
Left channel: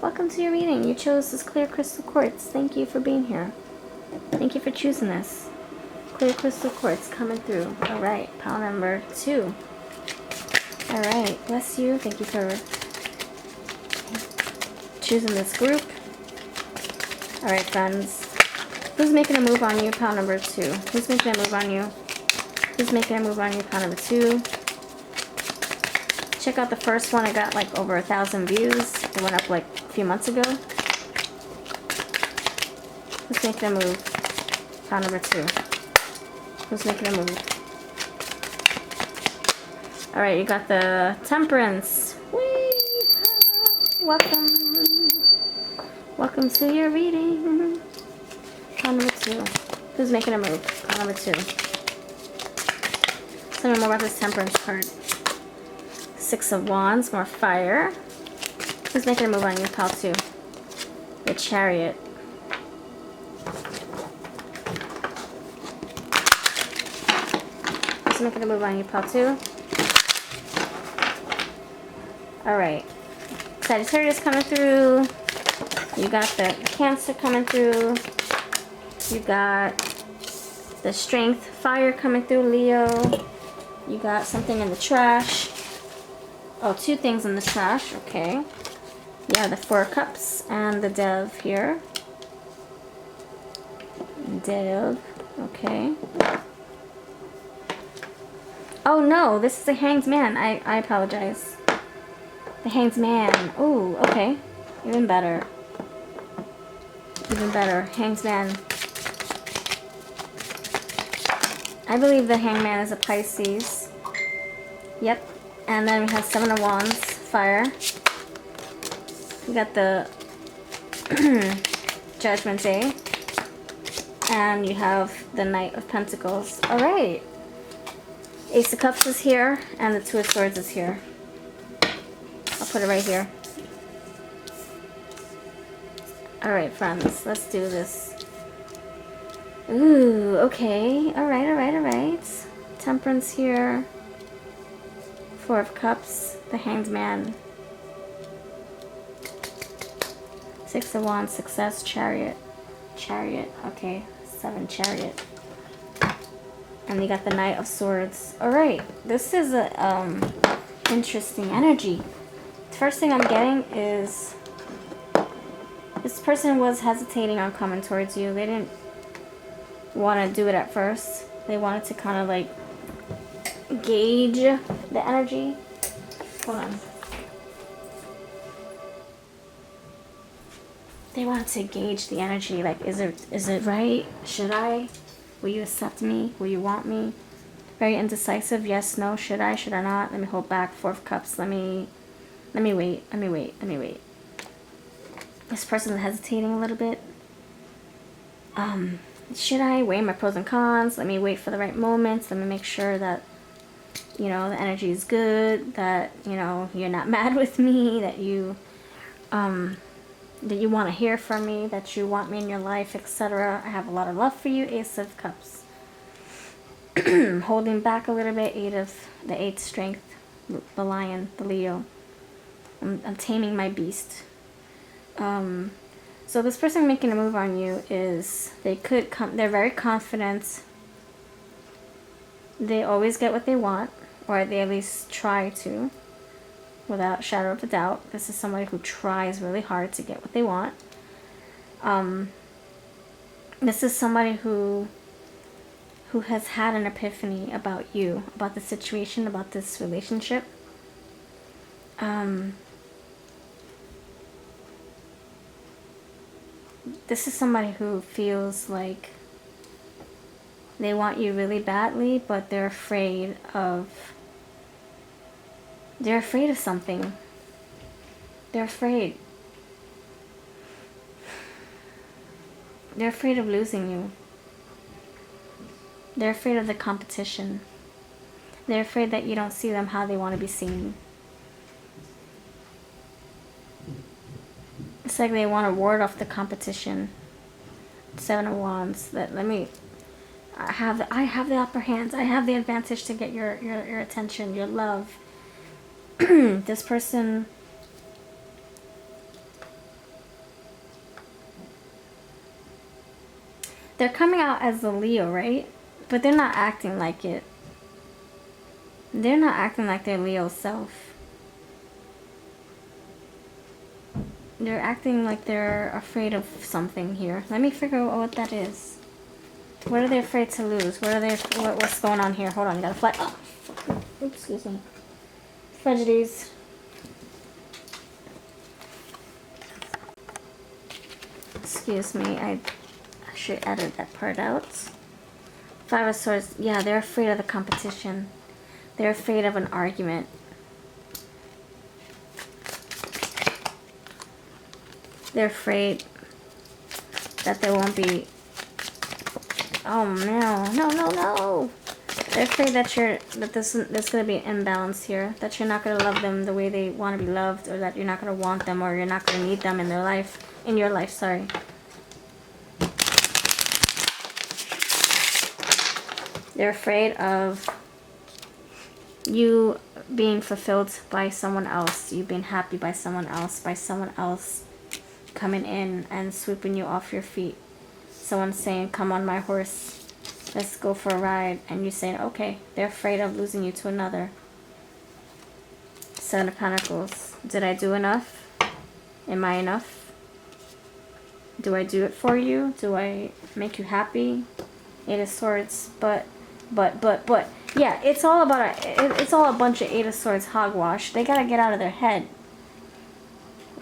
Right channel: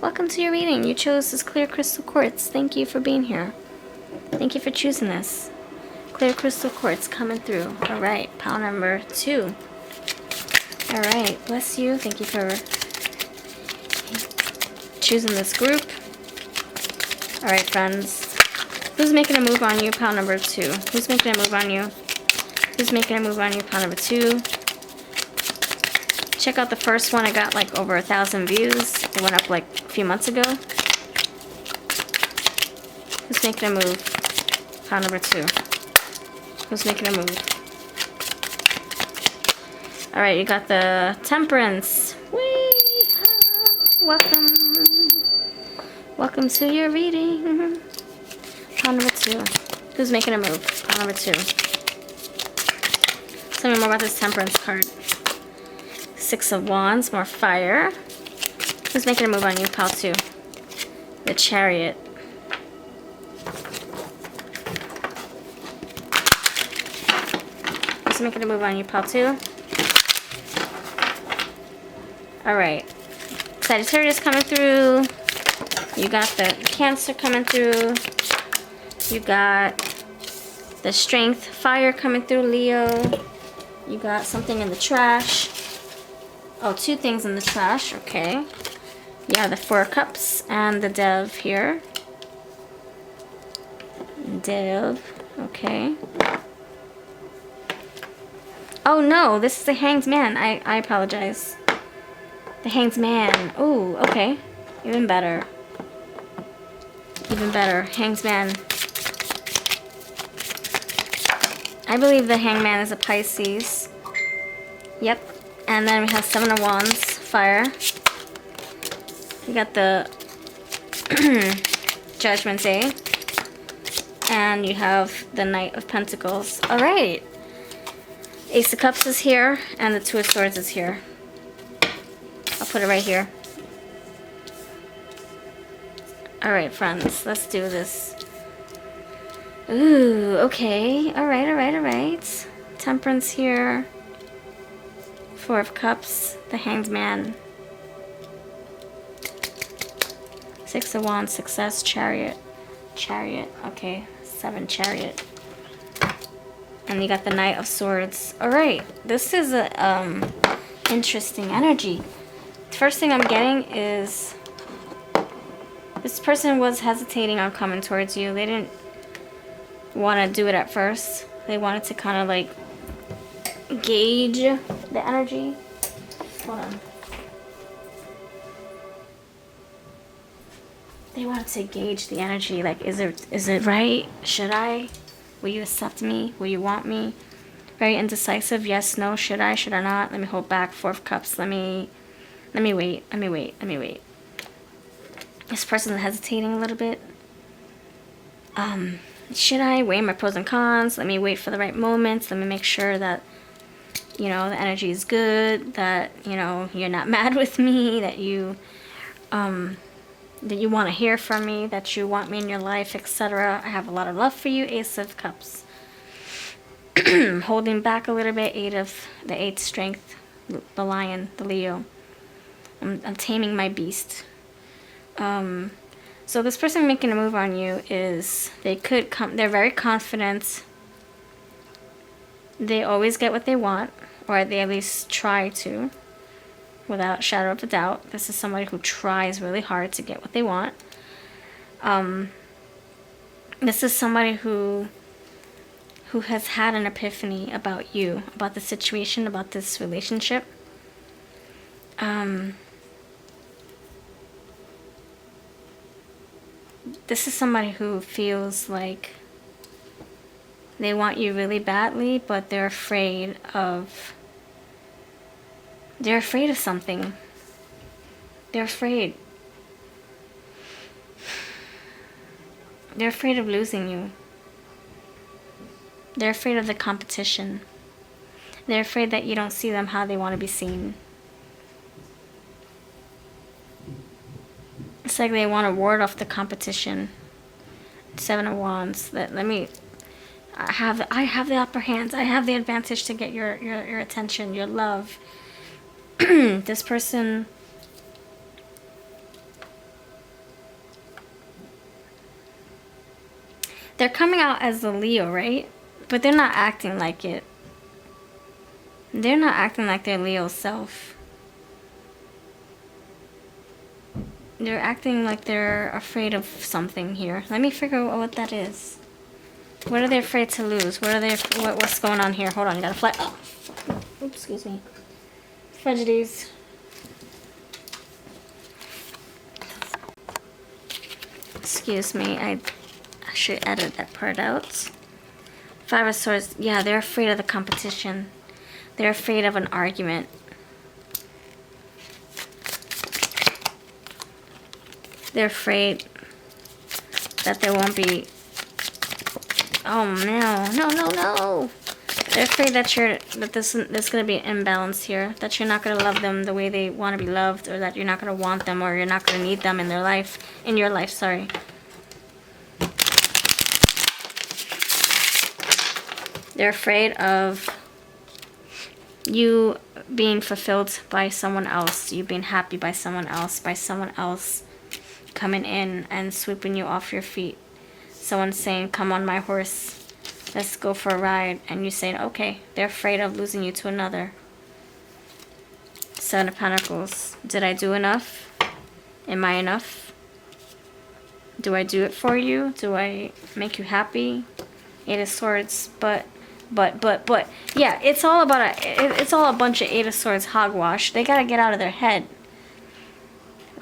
Welcome to your reading. You chose this clear crystal quartz. Thank you for being here. Thank you for choosing this. Clear crystal quartz coming through. Alright, pal number 2. Alright, bless you. Thank you for choosing this group. Alright, friends. Who's making a move on you, pal number 2? Who's making a move on you? Who's making a move on you, pal number 2? Check out the first one. I got like over 1,000 views. It went up like a few months ago. Who's making a move? Pile number 2. Who's making a move? Alright, you got the Temperance. Whee! Welcome. Welcome to your reading. Pile number 2. Who's making a move? Pile number 2. Tell me more about this Temperance card. 6 of Wands, more fire. Who's making a move on you, pal 2? The Chariot. Who's making a move on you, pal 2? Alright. Sagittarius coming through. You got the Cancer coming through. You got the Strength, fire coming through, Leo. You got something in the trash. Oh, 2 things in the trash. Okay. Yeah, the 4 cups and the Dove here. Dove. Okay. Oh no, this is the Hanged Man. I apologize. The Hanged Man. Oh, okay. Even better. Even better. Hanged Man. I believe the Hangman is a Pisces. Yep. And then we have Seven of Wands, fire. We got the Judgment Day. And you have the Knight of Pentacles. Alright. Ace of Cups is here, and the Two of Swords is here. I'll put it right here. Alright, friends. Let's do this. Ooh, okay. Alright, alright, alright. Temperance here. Four of Cups. The Hanged Man. Six of Wands. Success. Chariot. Chariot. Okay. 7 Chariot. And you got the Knight of Swords. Alright. This is a interesting energy. First thing I'm getting is this person was hesitating on coming towards you. They didn't want to do it at first. They wanted to kind of like gauge the energy. Hold on. They wanted to gauge the energy. Like, is it right? Should I? Will you accept me? Will you want me? Very indecisive. Yes, no. Should I? Should I not? Let me hold back. Four of Cups. Let me wait. Let me wait. Let me wait. This person is hesitating a little bit. Should I weigh my pros and cons? Let me wait for the right moments. Let me make sure that, you know, the energy is good, that, you know, you're not mad with me, that you want to hear from me, that you want me in your life, etc. I have a lot of love for you. Ace of Cups. Holding back a little bit. Eight strength, the Lion, the Leo. I'm taming my beast. So this person making a move on you is, they're very confident. They always get what they want, or they at least try to, without a shadow of a doubt. This is somebody who tries really hard to get what they want. This is somebody who has had an epiphany about you, about the situation, about this relationship. This is somebody who feels like they want you really badly, but they're afraid of something. They're afraid. They're afraid of losing you. They're afraid of the competition. They're afraid that you don't see them how they want to be seen. It's like they want to ward off the competition. Seven of Wands. I have the upper hand. I have the advantage to get your attention, your love. This person, they're coming out as the Leo, right? But they're not acting like it. They're not acting like their Leo self. They're acting like they're afraid of something here. Let me figure out what that is. What are they afraid to lose? What's going on here? Hold on, I gotta fly. Oh, oops, excuse me. Prejudice. Excuse me, I should edit that part out. Five of Swords. Yeah, they're afraid of the competition. They're afraid of an argument. They're afraid that there won't be... Oh, no. They're afraid that there's going to be an imbalance here. That you're not going to love them the way they want to be loved. Or that you're not going to want them, or you're not going to need them in their life. In your life, sorry. They're afraid of you being fulfilled by someone else. You being happy by someone else coming in and sweeping you off your feet. Someone saying, come on my horse, let's go for a ride. And you saying, okay. They're afraid of losing you to another. Seven of Pentacles. Did I do enough? Am I enough? Do I do it for you? Do I make you happy? Eight of Swords. But. Yeah, it's all about it's all a bunch of Eight of Swords hogwash. They gotta get out of their head.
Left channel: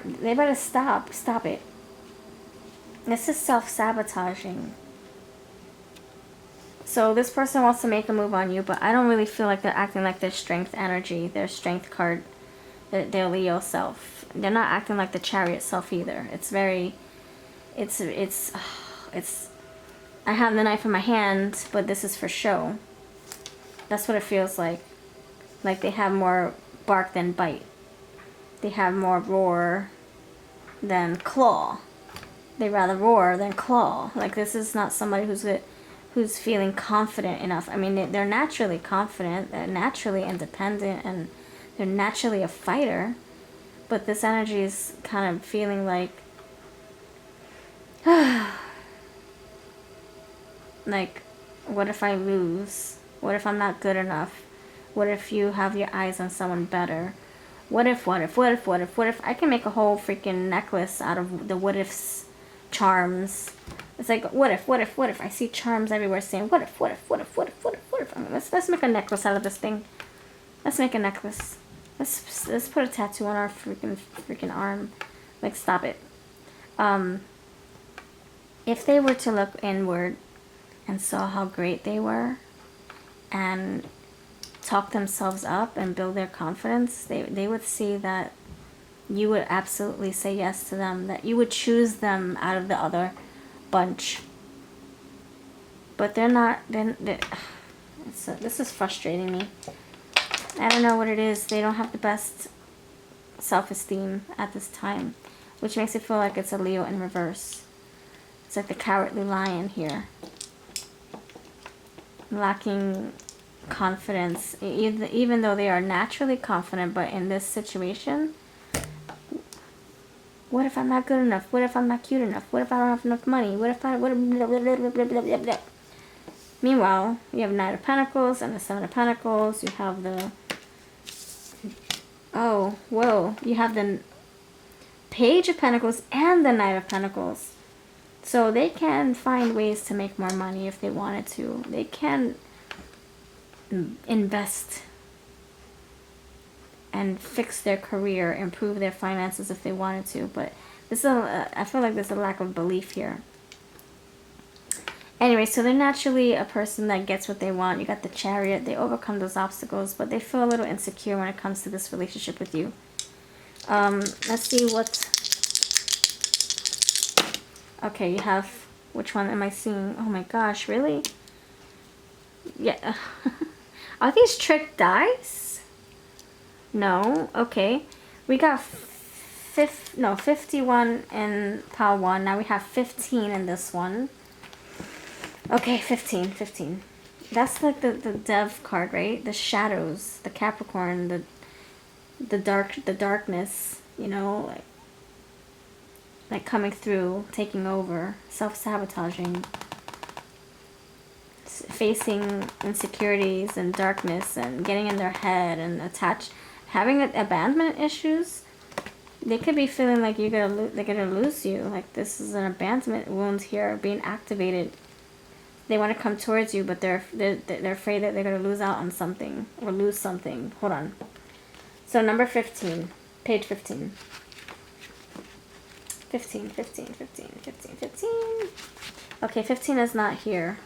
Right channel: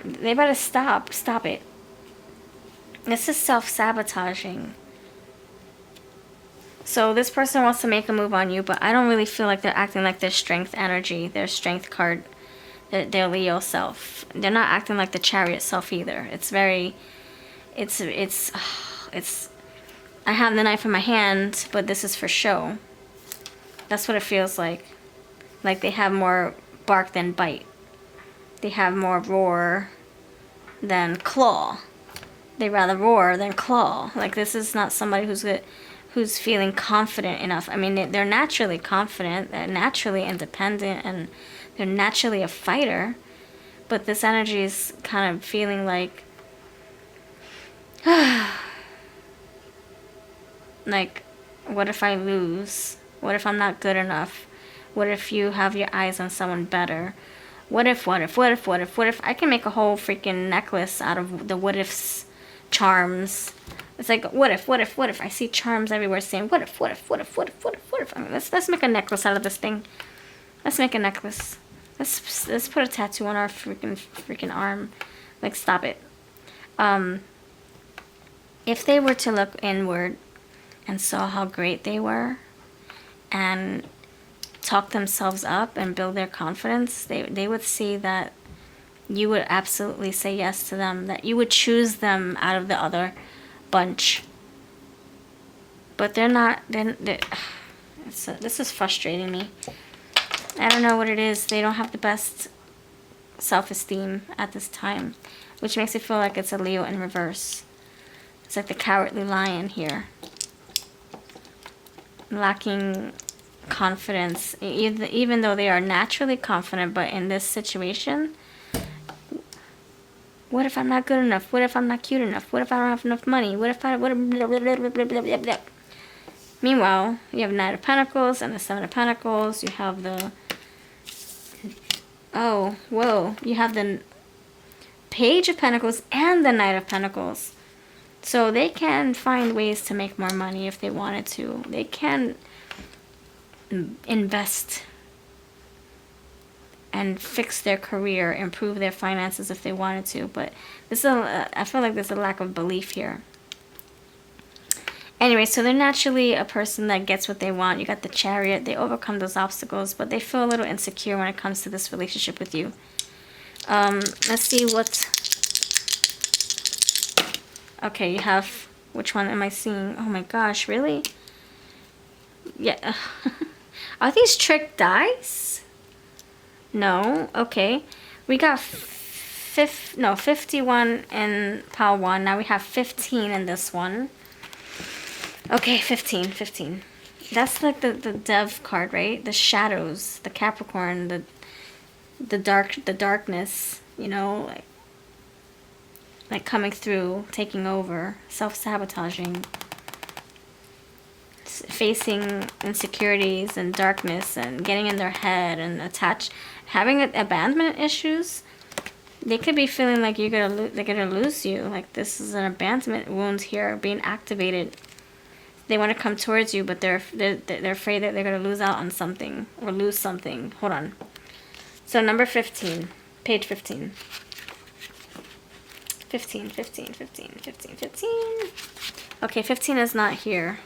They better stop it. This is self-sabotaging. So this person wants to make a move on you, but I don't really feel like they're acting like their strength energy, their strength card, their Leo self. They're not acting like the Chariot self either. It's very, it's, I have the knife in my hand, but this is for show. That's what it feels like. Like they have more bark than bite. They have more roar than claw. They rather roar than claw. Like this is not somebody who's feeling confident enough. I mean, they're naturally confident, they're naturally independent, and they're naturally a fighter. But this energy is kind of feeling like, like, what if I lose? What if I'm not good enough? What if you have your eyes on someone better? What if I can make a whole freaking necklace out of the what ifs charms. It's like, what if? I see charms everywhere saying, what if? I mean, let's make a necklace out of this thing. Let's make a necklace. Let's put a tattoo on our freaking arm. Like, stop it. If they were to look inward and saw how great they were and talk themselves up and build their confidence, they would see that you would absolutely say yes to them, that you would choose them out of the other bunch. But they're not, this is frustrating me. I don't know what it is. They don't have the best self-esteem at this time, which makes it feel like it's a Leo in reverse. It's like the cowardly lion here. Lacking confidence, even though they are naturally confident, but in this situation, what if I'm not good enough? What if I'm not cute enough? What if I don't have enough money? What if I... Meanwhile, you have Knight of Pentacles and the Seven of Pentacles. You have the... Oh, whoa. You have the Page of Pentacles and the Knight of Pentacles. So they can find ways to make more money if they wanted to. They can invest and fix their career, improve their finances if they wanted to. But this is I feel like there's a lack of belief here. Anyway, so they're naturally a person that gets what they want. You got the Chariot. They overcome those obstacles, but they feel a little insecure when it comes to this relationship with you. Let's see what... Okay, you have... Which one am I seeing? Oh my gosh, really? Yeah. Are these trick dice? No. Okay. We got 51 in pile 1. Now we have 15 in this one. Okay, 15. That's like the Dev card, right? The shadows, the Capricorn, the darkness, you know, like coming through, taking over, self-sabotaging, facing insecurities and darkness and getting in their head and having abandonment issues. They could be feeling like they're gonna lose you. Like this is an abandonment wound here being activated. They want to come towards you, but they're afraid that they're gonna lose out on something or lose something. Hold on. So number 15, page 15. 15. Okay, 15 is not here.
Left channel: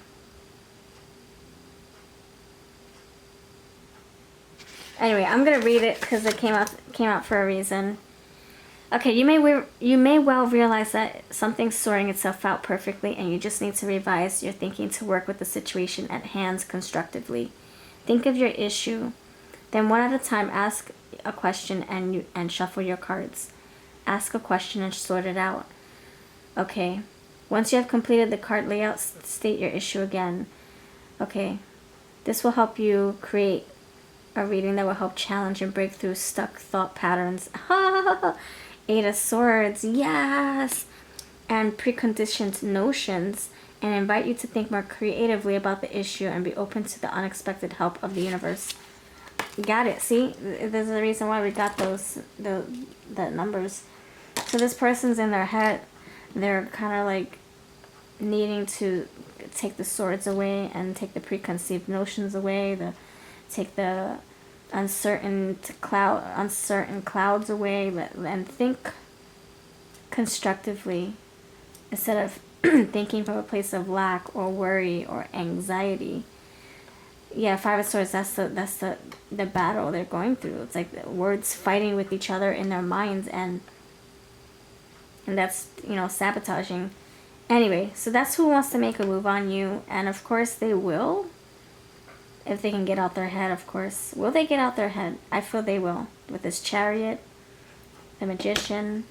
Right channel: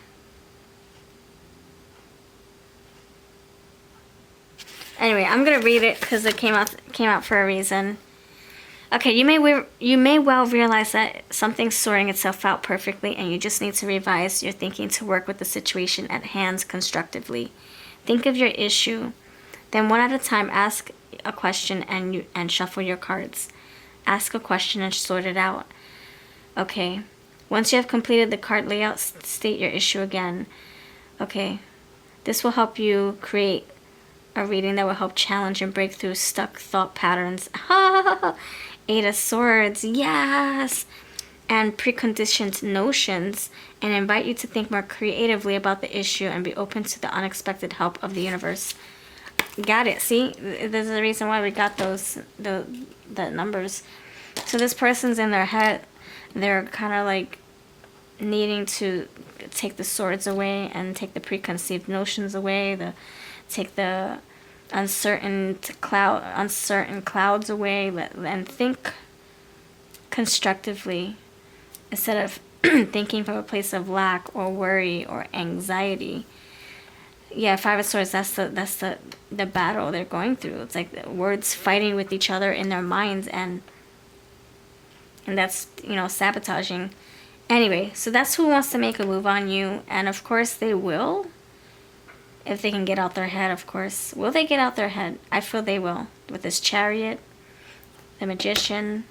Anyway, I'm gonna read it because it came out for a reason. Okay, you may well realize that something's sorting itself out perfectly, and you just need to revise your thinking to work with the situation at hand constructively. Think of your issue, then one at a time ask a question and shuffle your cards. Ask a question and sort it out. Okay. Once you have completed the card layout, state your issue again. Okay. This will help you create a reading that will help challenge and break through stuck thought patterns. Eight of Swords, yes! And preconditioned notions, and invite you to think more creatively about the issue and be open to the unexpected help of the universe. Got it. See, there's a reason why we got the numbers. So this person's in their head. They're kind of like needing to take the swords away and take the preconceived notions away. Take the uncertain clouds away, and think constructively instead of thinking from a place of lack or worry or anxiety. Yeah, Five of Swords, that's the battle they're going through. It's like the words fighting with each other in their minds, and that's, you know, sabotaging. Anyway, so that's who wants to make a move on you, and of course they will. If they can get out their head, of course. Will they get out their head? I feel they will. With this Chariot, the Magician,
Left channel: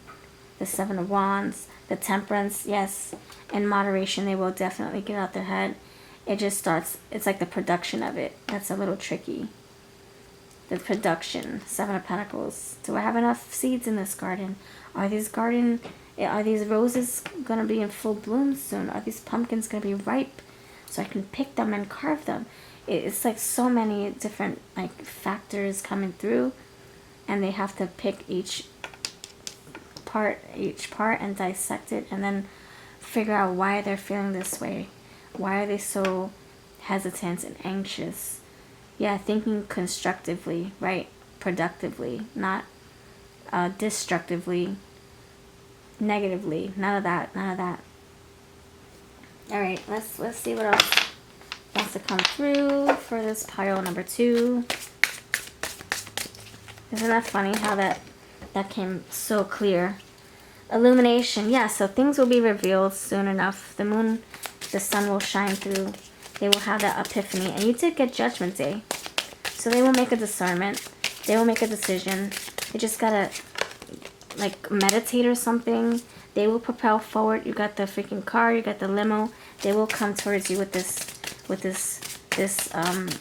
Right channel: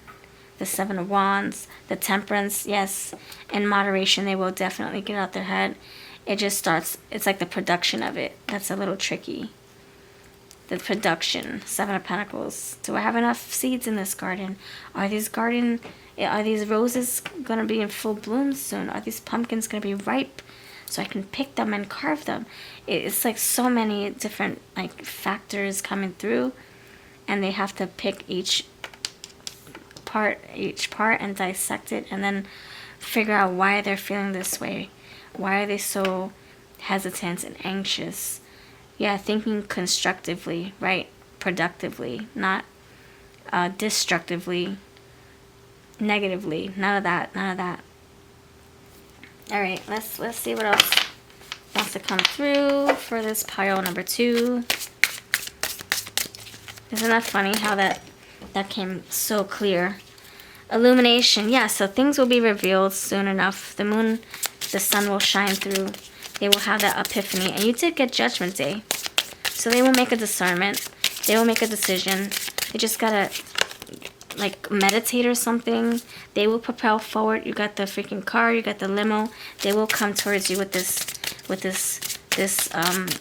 the Seven of Wands, the Temperance, yes. In moderation, they will definitely get out their head. It just starts, it's like the production of it. That's a little tricky. The production, Seven of Pentacles. Do I have enough seeds in this garden? Are these roses going to be in full bloom soon? Are these pumpkins going to be ripe so I can pick them and carve them? It's like so many different like factors coming through, and they have to pick each part and dissect it, and then figure out why they're feeling this way. Why are they so hesitant and anxious? Yeah, thinking constructively, right? Productively, not destructively, negatively. None of that. None of that. All right, let's see what else wants to come through for this pile number 2. Isn't that funny how that came so clear? Illumination. Yeah, so things will be revealed soon enough. The moon, the sun will shine through. They will have that epiphany. And you did get Judgment Day. So they will make a discernment. They will make a decision. They just gotta like meditate or something. They will propel forward. You got the freaking car. You got the limo. They will come towards you with this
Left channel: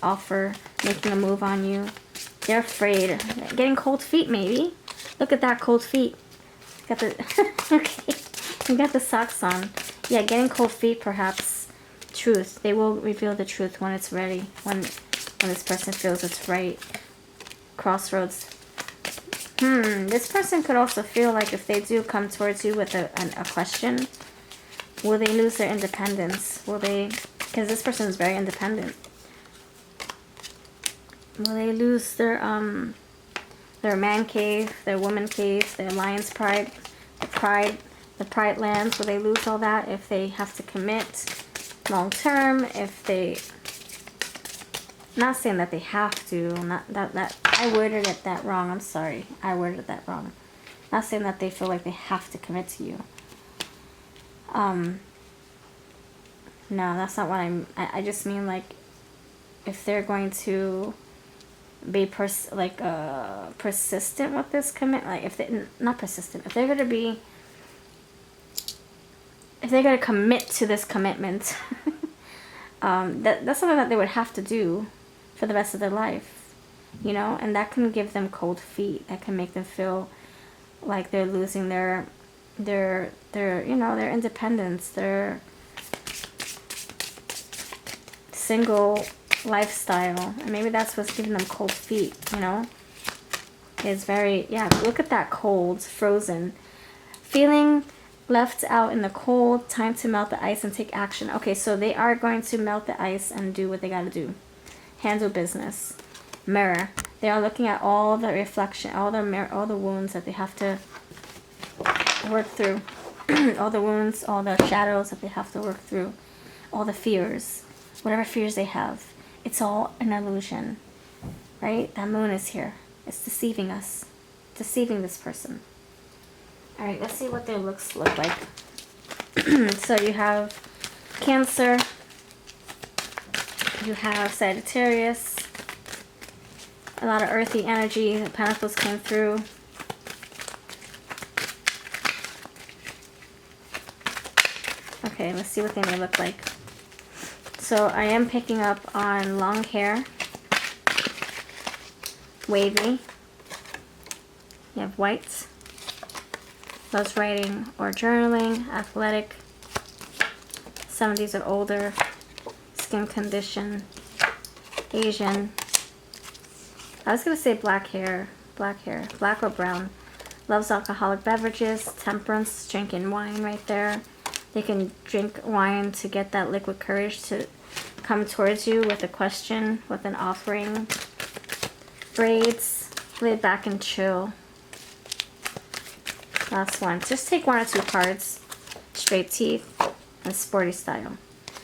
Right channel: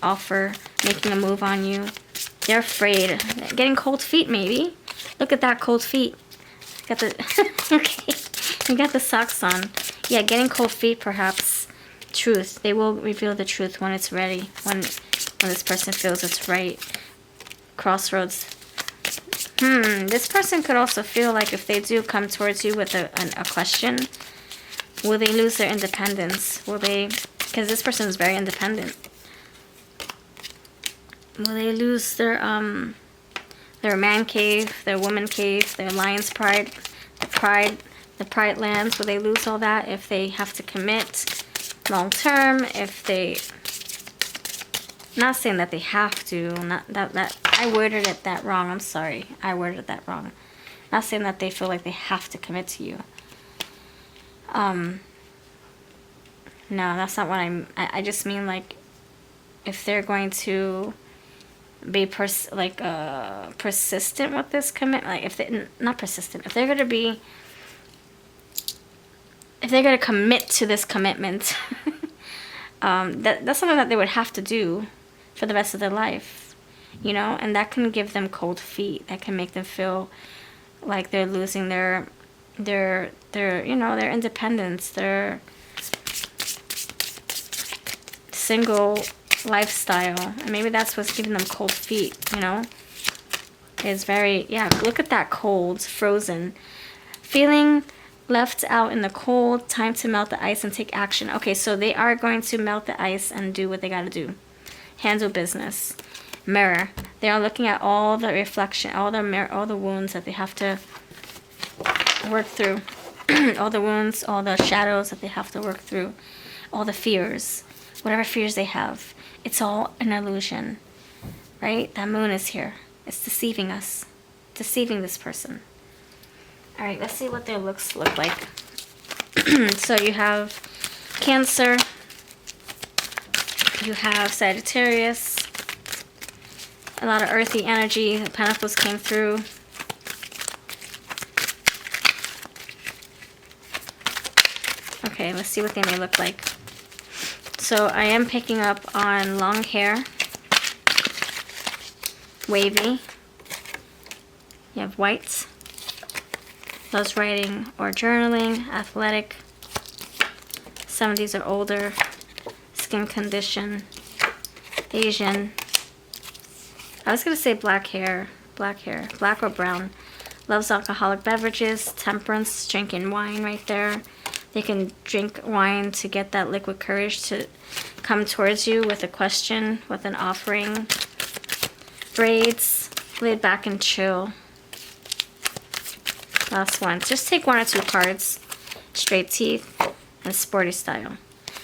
offer, making a move on you. They're afraid. Getting cold feet, maybe. Look at that, cold feet. Got the okay. You got the socks on. Yeah, getting cold feet, perhaps. Truth. They will reveal the truth when it's ready. When this person feels it's right. Crossroads. This person could also feel like if they do come towards you with a question, will they lose their independence? Will they? Because this person is very independent. Will they lose their man cave, their woman cave, their lion's pride, the pride lands? Will they lose all that if they have to commit long term? If they, not saying that they have to, not that I worded it that wrong. I'm sorry, I worded that wrong. Not saying that they feel like they have to commit to you. No, that's not what I just mean, like, if they're going to be persistent with this commitment, like if they, not persistent, if they're going to commit to this commitment, that's something that they would have to do for the rest of their life, you know, and that can give them cold feet. That can make them feel like they're losing their you know, their independence, their single lifestyle, and maybe that's what's giving them cold feet, you know. It's very, yeah, look at that, cold, frozen, feeling left out in the cold. Time to melt the ice and take action. Okay, so they are going to melt the ice and do what they got to do. Handle business. Mirror. They are looking at all the reflection, all the wounds that they have to work through. All the wounds, all the shadows that they have to work through, all the fears, whatever fears they have. It's all an illusion, right? That moon is here. It's deceiving us, deceiving this person. All right, let's see what their looks look like. So you have Cancer, you have Sagittarius, a lot of earthy energy. The Pentacles came through. Okay, let's see what they may look like. So I am picking up on long hair, wavy. You have white, loves writing or journaling, athletic, 70s or older, skin condition, Asian. I was going to say black or brown. Loves alcoholic beverages, temperance, drinking wine right there. They can drink wine to get that liquid courage to come towards you with a question, with an offering. Braids, laid back and chill. Last one. Just take one or two cards. Straight teeth. and sporty style.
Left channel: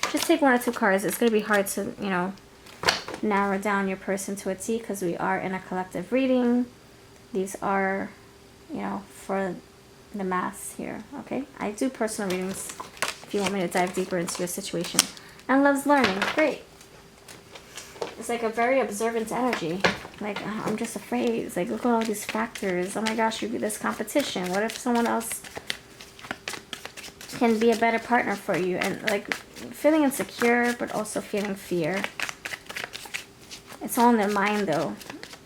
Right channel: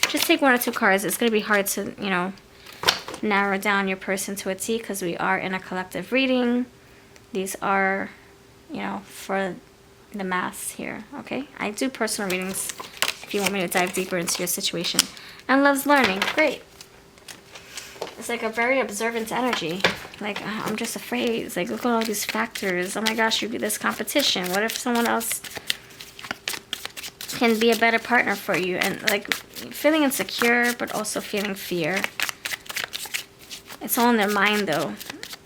Just take 1 or 2 cards. It's going to be hard to, you know, narrow down your person to a T because we are in a collective reading. These are, you know, for the mass here, okay? I do personal readings if you want me to dive deeper into your situation. And loves learning. Great. It's like a very observant energy. Like, I'm just afraid. It's like, look at all these factors. Oh my gosh, you do this competition. What if someone else can be a better partner for you? And like, feeling insecure, but also feeling fear. It's all in their mind, though.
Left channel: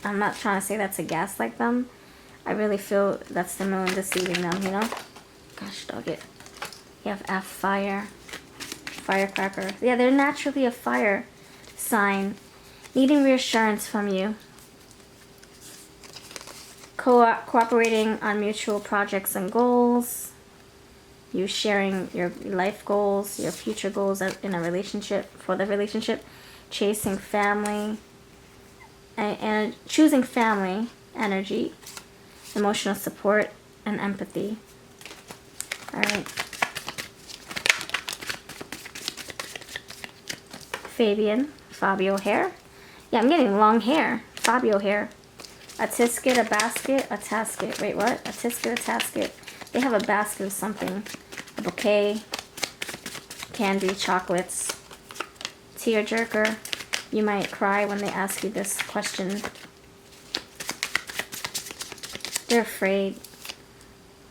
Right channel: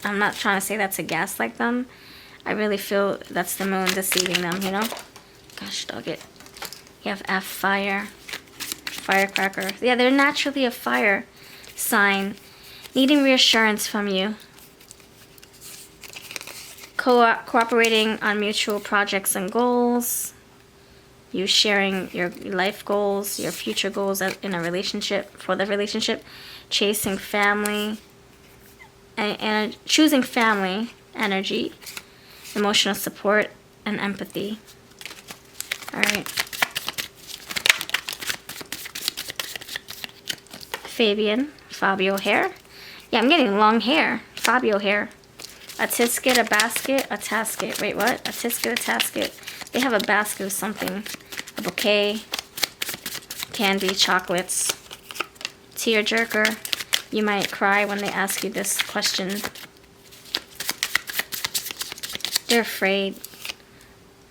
I'm not trying to say that to gaslight them. I really feel that's the moon deceiving them, you know? Gosh, dog it. You have F, fire. Firecracker. Yeah, they're naturally a fire sign. Needing reassurance from you. Cooperating on mutual projects and goals. You sharing your life goals, your future goals in a relationship, for the relationship. Chasing family. And choosing family energy. Emotional support and empathy. Alright. Fabio hair. Yeah, I'm getting long hair. Fabio hair. A tisket, a basket, a tasket. Wait, what? A tisket, a tasket. They have a basket of something. A bouquet. Candy, chocolates. Tearjerker. You might cry when they ask you this question. They're afraid.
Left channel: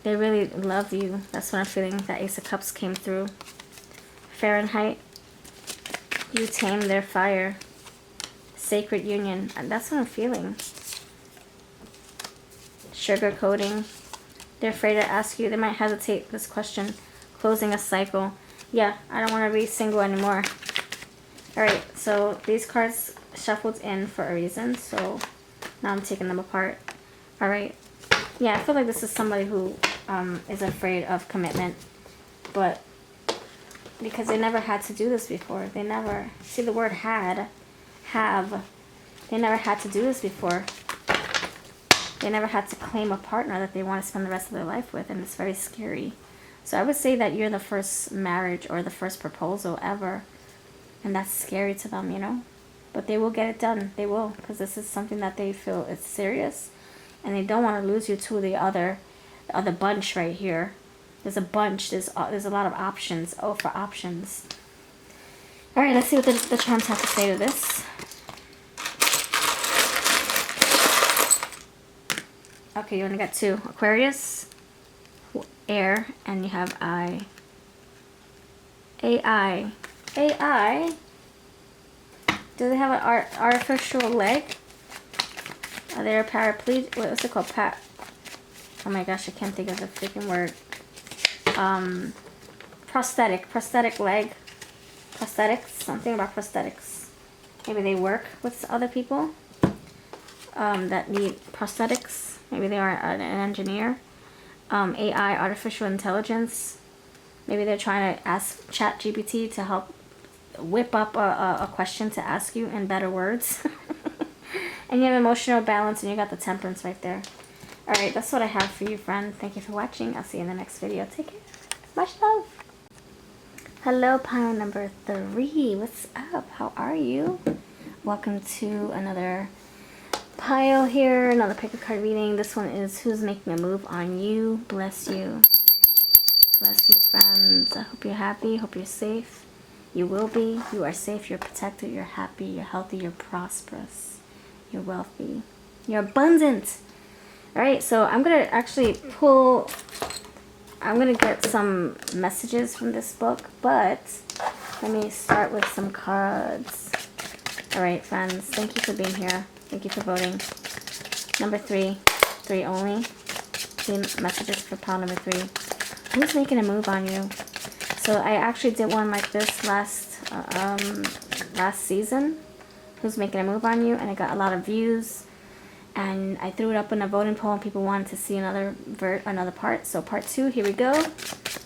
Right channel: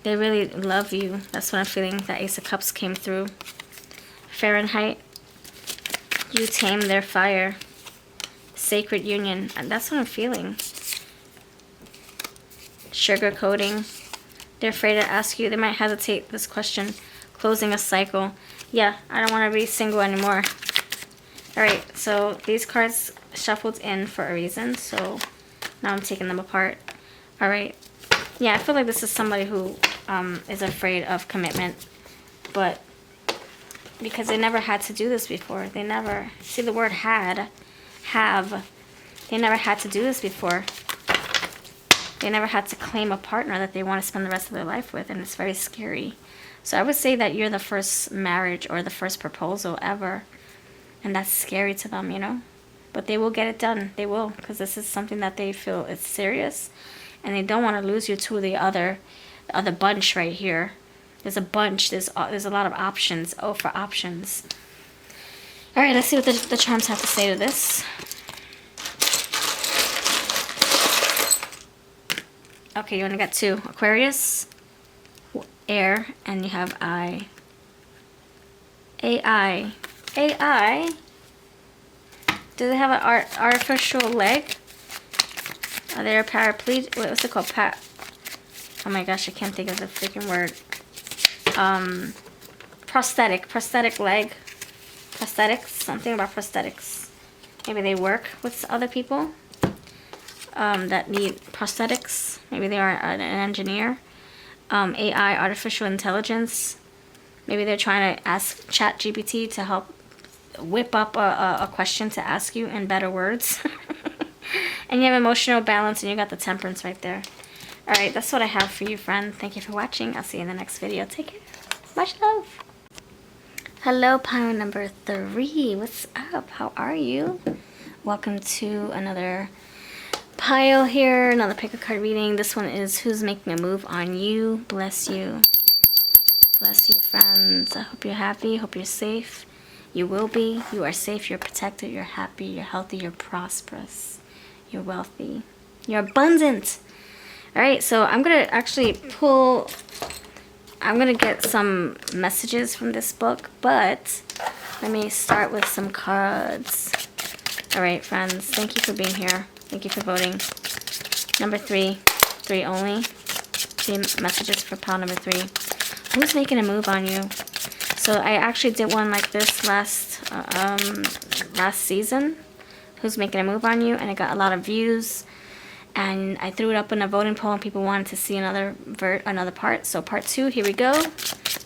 They really love you. That's what I'm feeling. That Ace of Cups came through. Fahrenheit. You tame their fire. Sacred union. And that's what I'm feeling. Sugar coating. They're afraid to ask you. They might hesitate this question. Closing a cycle. Yeah, I don't want to be single anymore. Alright, so these cards shuffled in for a reason. So now I'm taking them apart. Alright. Yeah, I feel like this is somebody who is afraid of commitment. But because they never had to do this before. They never, see the word have. They never had to do this before. They never had to claim a partner that they want to spend the rest of their life with. And it's very scary. So I would say that you're the first marriage or the first proposal ever. And that's scary to them, you know. But they will get it done. They will. Because this is something that they feel is serious. And they don't want to lose you to the other bunch right here. There's a bunch. There's a lot of options. Oh, for options. All right, let's see what the charms have to say to this. Okay, you only got 2. Aquarius, air, and you have I. AI. AI? Do they have an artificial leg? Are they a paraplegic? What's it called? Oh my gosh, I can't think of the freaking word. Prosthetic leg. Prosthetics, something about prosthetics. Maybe they work with other people that need prosthetics. Maybe they are an engineer. AI, artificial intelligence. Maybe they're trying to ask ChatGPT to help whip up a question to ask you in better words. And you have emotional balance, and you got the temperance right there. Alright, that's what I have for you, friend. Thank you for watching. I'll see you in the next video. Take care. Much love. Hello, pile number 3. What's up? How are you? Welcome to another pile here. Another pick a card reading. This one is who's making a move on you. Bless you. Bless you, friends. I hope you're happy. Hope you're safe. You will be. You are safe. You're protected. You're happy. You're healthy. You're prosperous. You're wealthy. You're abundant. Alright, so I'm going to actually pull... I'm going to get some messages from this book, but let me start with some cards. Alright, friends. Thank you for being here. Thank you for voting. Number 3. 3 only. 3 messages for pile number 3. Who's making a move on you? So I actually did one like this last season. Who's making a move on you? And it got a lot of views. And I threw it up in a voting poll, and people wanted to see another part. So part 2, here we go.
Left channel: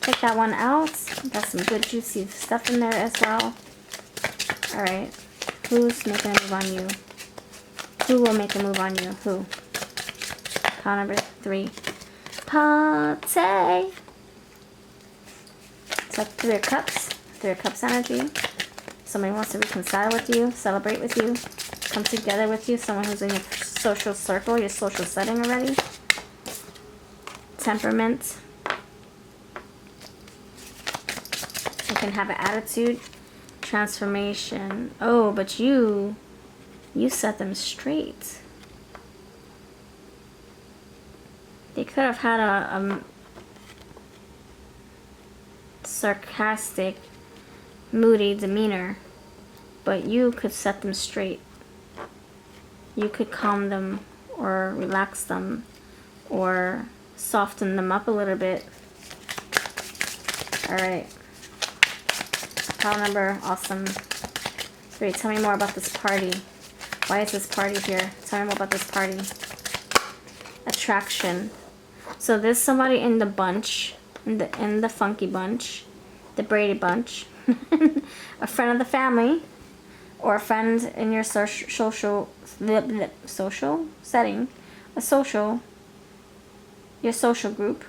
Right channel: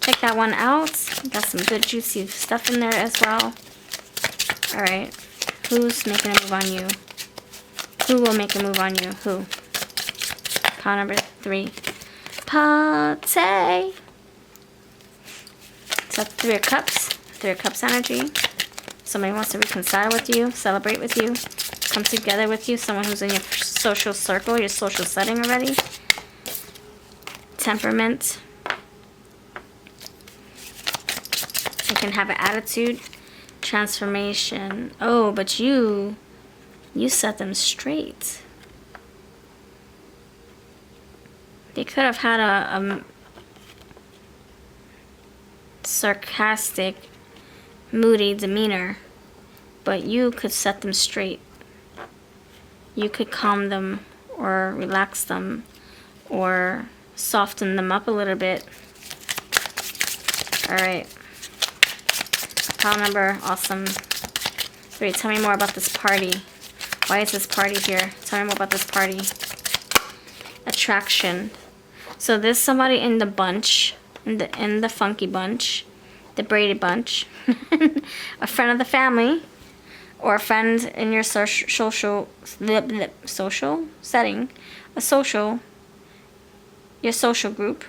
Check that one out. Got some good juicy stuff in there as well. Alright. Who's making a move on you? Who will make a move on you? Who? Pile number 3. Party. That's Three of Cups. Three of Cups energy. Somebody wants to reconcile with you, celebrate with you, come together with you. Someone who's in your social circle, your social setting already. Temperament. You can have an attitude. Transformation. Oh, but you set them straight. They could have had a sarcastic, moody demeanor, but you could set them straight. You could calm them or relax them or soften them up a little bit. All right. Pile number, awesome. 3, tell me more about this party. Why is this party here? Tell me more about this party. Attraction. So there's somebody in the bunch, in the funky bunch, the Brady bunch, a friend of the family, or a friend in your social setting, your social group,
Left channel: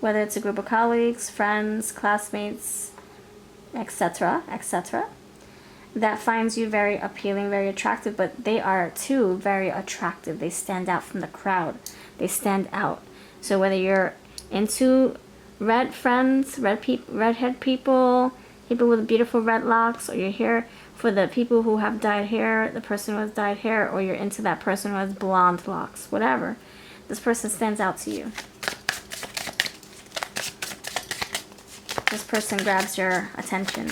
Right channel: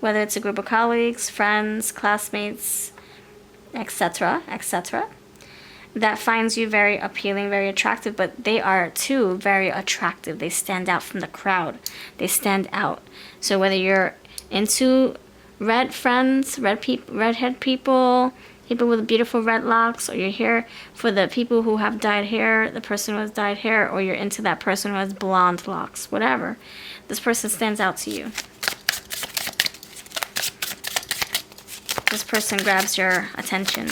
whether it's a group of colleagues, friends, classmates, etc., etc., that finds you very appealing, very attractive, but they are too very attractive. They stand out from the crowd. They stand out. So whether you're into red friends, redhead people with beautiful red locks, or you're here for the people who have dyed hair, the person who has dyed hair, or you're into that person who has blonde locks, whatever, this person stands out to you. This person grabs your attention.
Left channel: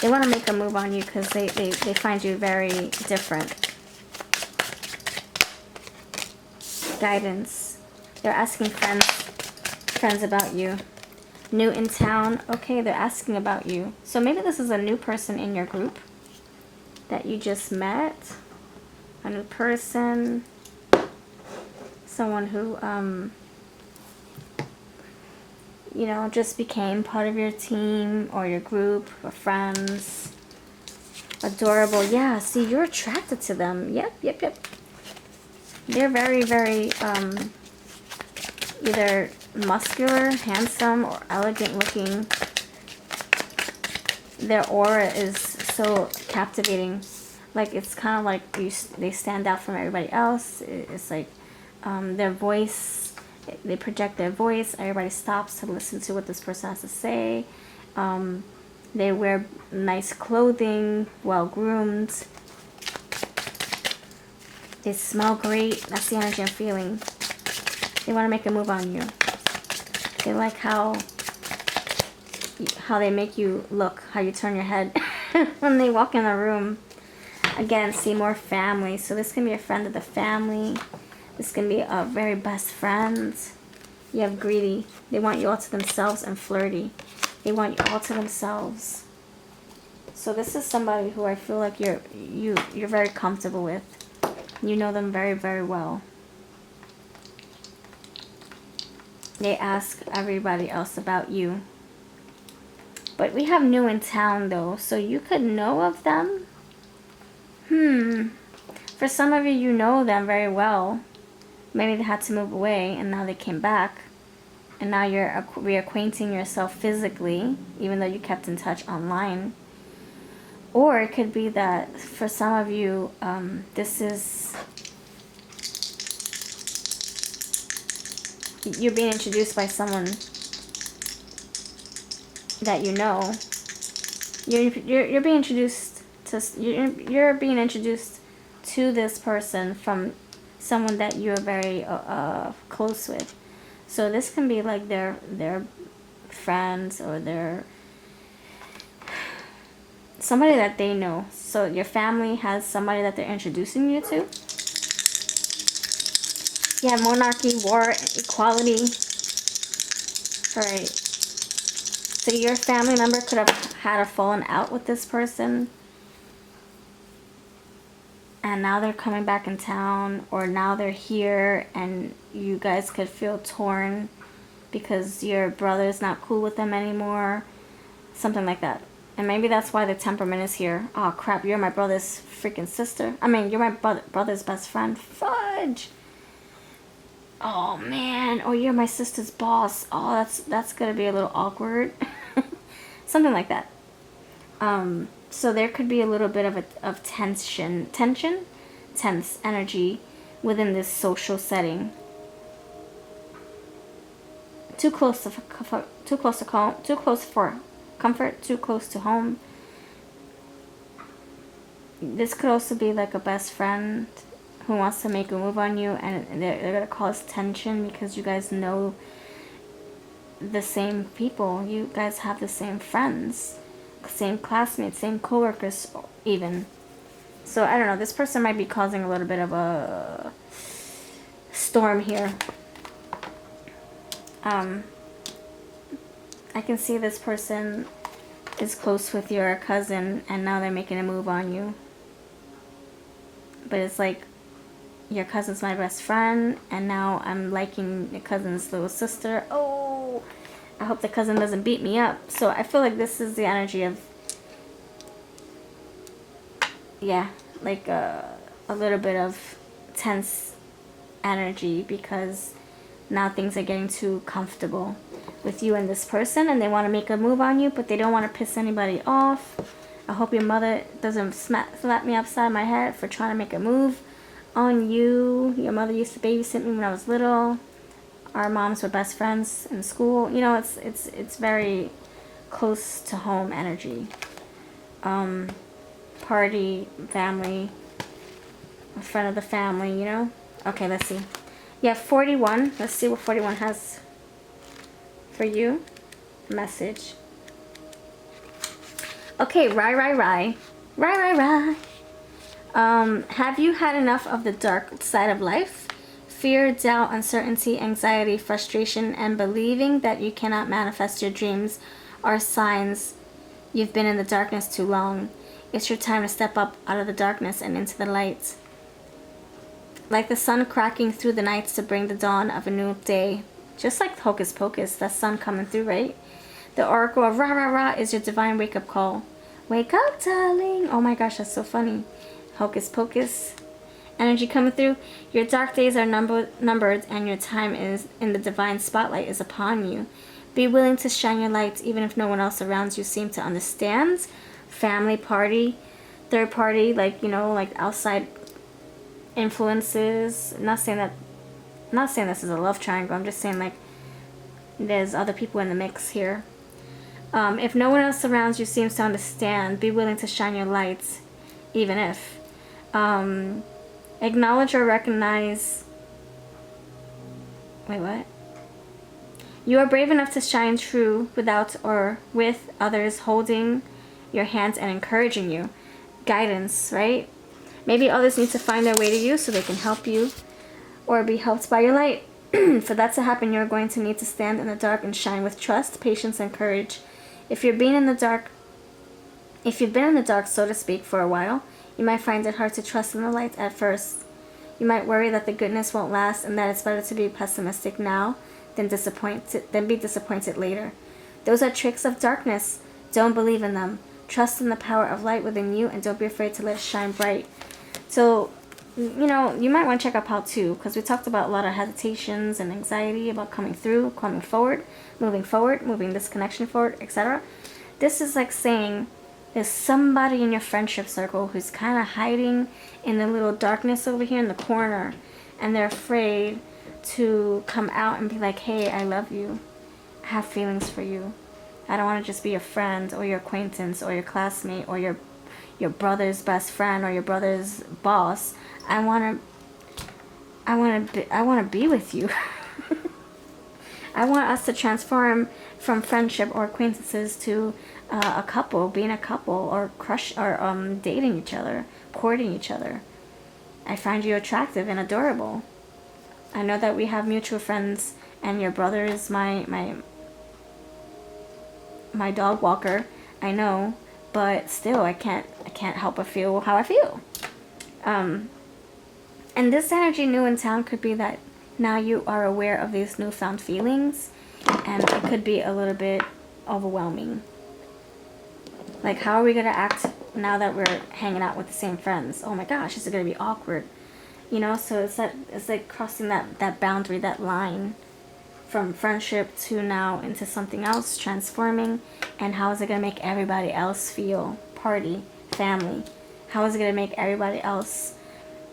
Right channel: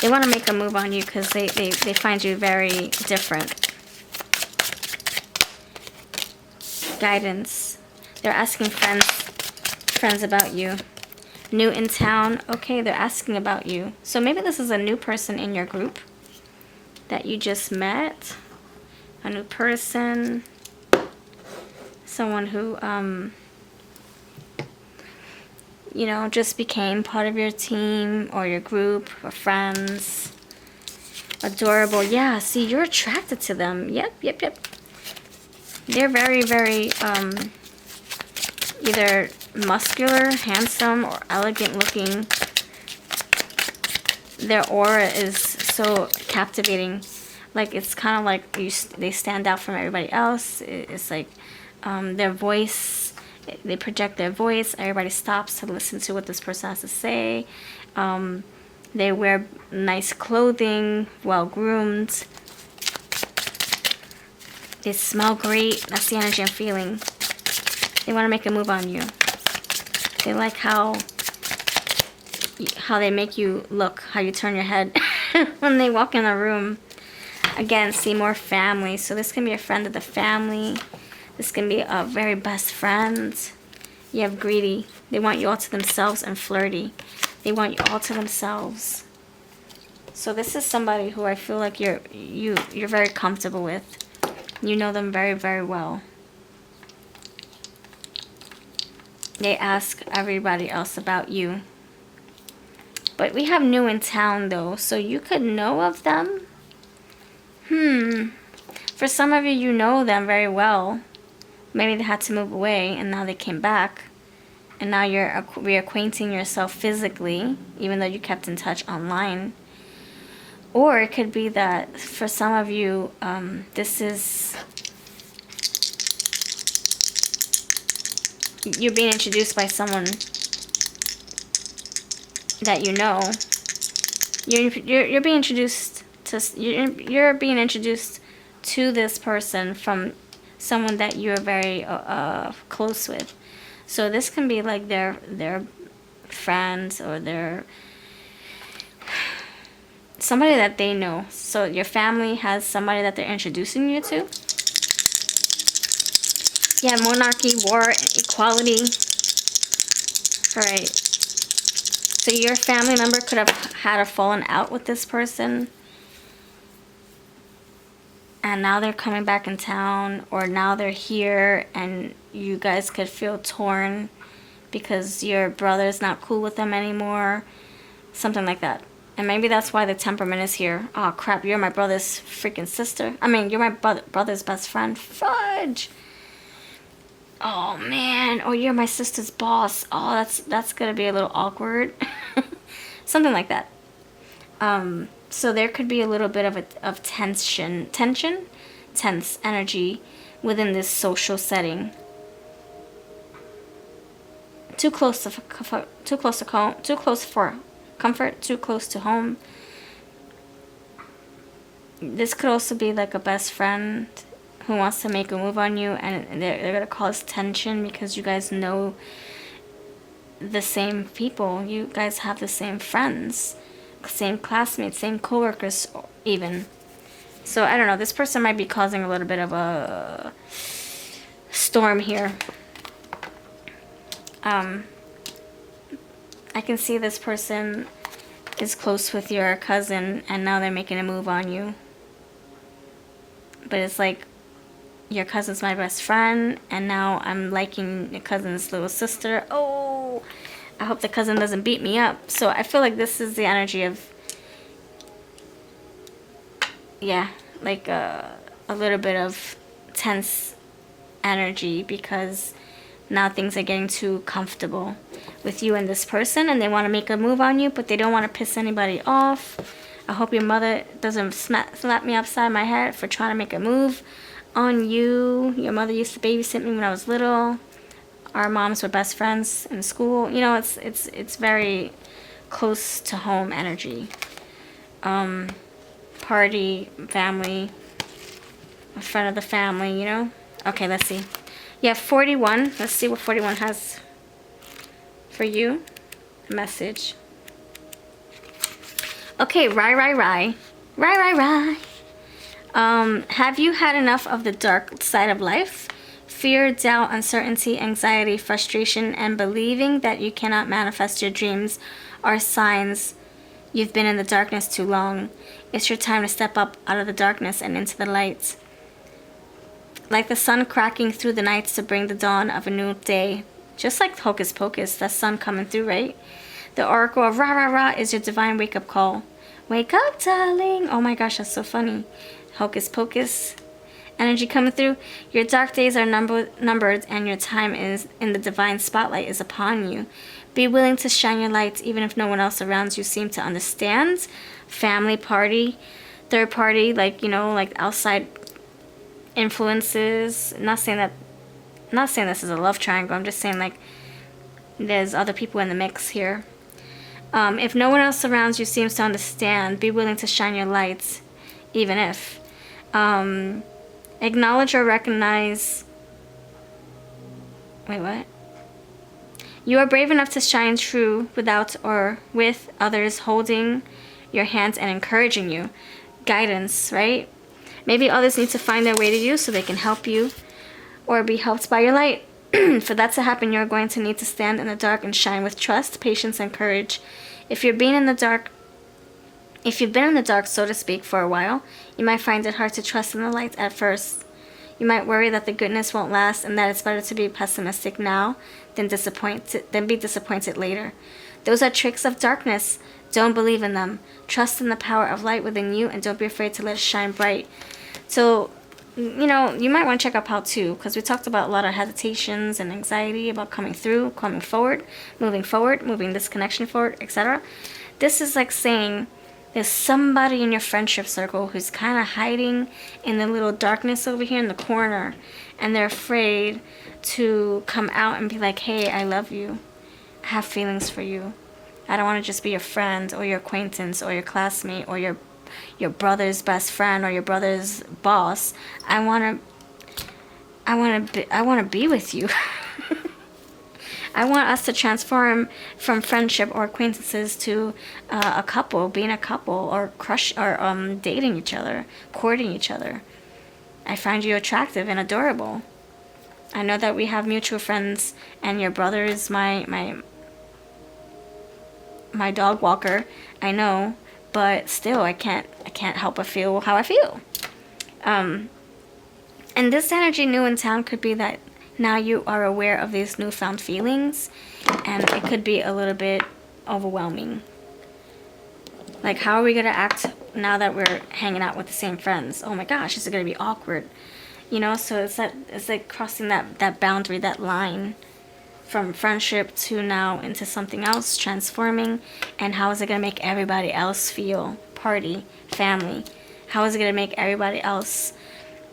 They want to make a move on you because they find you very different. Guidance. They're asking friends about you. New in town. Okay, they're asking about you. So maybe this is a new person in your group that you just met. A new person. Someone who, you know, just became part of your team or your group or friends. Adorable. Yeah, see, you're attracted to them. Yep. They're very, very, either muscular, handsome, or elegant looking. Their aura is so captivating. Like, it's kind of like they stand out from everybody else. It's like their voice, they project their voice. Everybody stops to listen to what this person has to say. They wear nice clothing, well-groomed. They smell great. That's the energy I'm feeling. They want to make a move on you. They like how they make you look, how you turn your head when they walk in a room. Again, see more family. So this can be a friend of the family. This can be a very best friend. You have greedy. They want you all to themselves, and flirty. They want you all to themselves. So this is somebody who I feel like you're very comfortable with. You know them very, very well. They ask everybody else about you. But we have new in town though, so you could know of them. For some of you, you know them very well. Maybe they had to move away and now they came back. And now you're reacquainting yourself physically, even though you kept in touch online. Or it could be that for some of you, this is... You're being introduced by someone that you know. You're being introduced to... You're being introduced to this person from someone that you're very close with. So this can be like their friends or their somebody that they know. So your family has somebody that they're introducing you to. Yeah, monarchy, war, equality. Alright. So your family member could have had a fallen out with this person. And now they're coming back in town, or now they're here, and you guys could feel torn because your brother's not cool with them anymore. Something like that. And maybe that's why the temperament is here. Oh crap, you're my brother's freaking sister. I mean, you're my brother's best friend. Fudge! Oh man, oh, you're my sister's boss. Oh, that's gonna be a little awkward. something like that. So there could be a little bit of tense energy within this social setting. Too close for comfort, too close to home. This could also be like a best friend who wants to make a move on you, and they're gonna cause tension because you guys know the same people. You guys have the same friends, same classmates, same coworkers even. So I don't know, this person might be causing a little bit of a storm here. I can see this person is close with your cousin and now they're making a move on you. But it's like, your cousin's my best friend and now I'm liking your cousin's little sister. Oh, I hope the cousin doesn't beat me up. So I feel like this is the energy of, yeah, like a little bit of tense energy because now things are getting too comfortable with you and this person and they want to make a move on you, but they don't want to piss anybody off. I hope your mother doesn't slap me upside my head for trying to make a move on you. Your mother used to babysit me when I was little. Our moms were best friends in school. You know, it's very close to home energy. Party, family, a friend of the family, you know? Okay, let's see. Yeah, 41. Let's see what 41 has for you. Message. Okay, Rye. Have you had enough of the dark side of life? Fear, doubt, uncertainty, anxiety, frustration, and believing that you cannot manifest your dreams are signs you've been in the darkness too long. It's your time to step up out of the darkness and into the light. Like the sun cracking through the nights to bring the dawn of a new day. Just like Hocus Pocus, that sun coming through, right? The oracle of Ra is your divine wake-up call. Wake up, darling. Oh my gosh, that's so funny. Hocus Pocus. Energy coming through. Your dark days are numbered and your time is in the divine spotlight is upon you. Be willing to shine your light even if no one else around you seems to understand. Family, party, third party, like, you know, like outside influences. Not saying this is a love triangle. I'm just saying like there's other people in the mix here. If no one else around you seems to understand, be willing to shine your lights, even if. Acknowledge or recognize. Wait, what? You are brave enough to shine true without or with others holding your hands and encouraging you. Guidance, right? Maybe others need to find their way to you so they can help you or be helped by your light. For that to happen, you're going to need to stand in the dark and shine with trust, patience, and courage. If you've been in the dark, so to speak, for a while, you might find it hard to trust in the light at first. You might worry that the goodness won't last and that it's better to be pessimistic now than be disappointed later. Those are tricks of darkness. Don't believe in them. Trust in the power of light within you and don't be afraid to let it shine bright. So, you know, you might want to check out part 2 because we talked about a lot of hesitations and anxiety about coming forward, moving this connection forward, etc. This is like saying there's somebody in your friendship circle who's kind of hiding in the little darkness over here in the corner and they're afraid to come out and be like, hey, I love you. I have feelings for you. I don't want to just be your friend or your acquaintance or your classmate or your brother's best friend or your brother's boss. I want to be with you. I want us to transform from friendship or acquaintances to a couple, being a couple, or dating each other, courting each other. I find you attractive and adorable. I know that we have mutual friends, and your brother is my dog walker. I know, but still, I can't help but feel how I feel. And this energy new in town could be that now you are aware of these newfound feelings, and it could be a little bit overwhelming. Like, how are we gonna act now that we're hanging out with the same friends? Oh my gosh, this is gonna be awkward. You know, so it's like crossing that boundary, that line. from friendship to now into something else, transforming, and how is it going to make everybody else feel? Party, family. How is it going to make everybody else,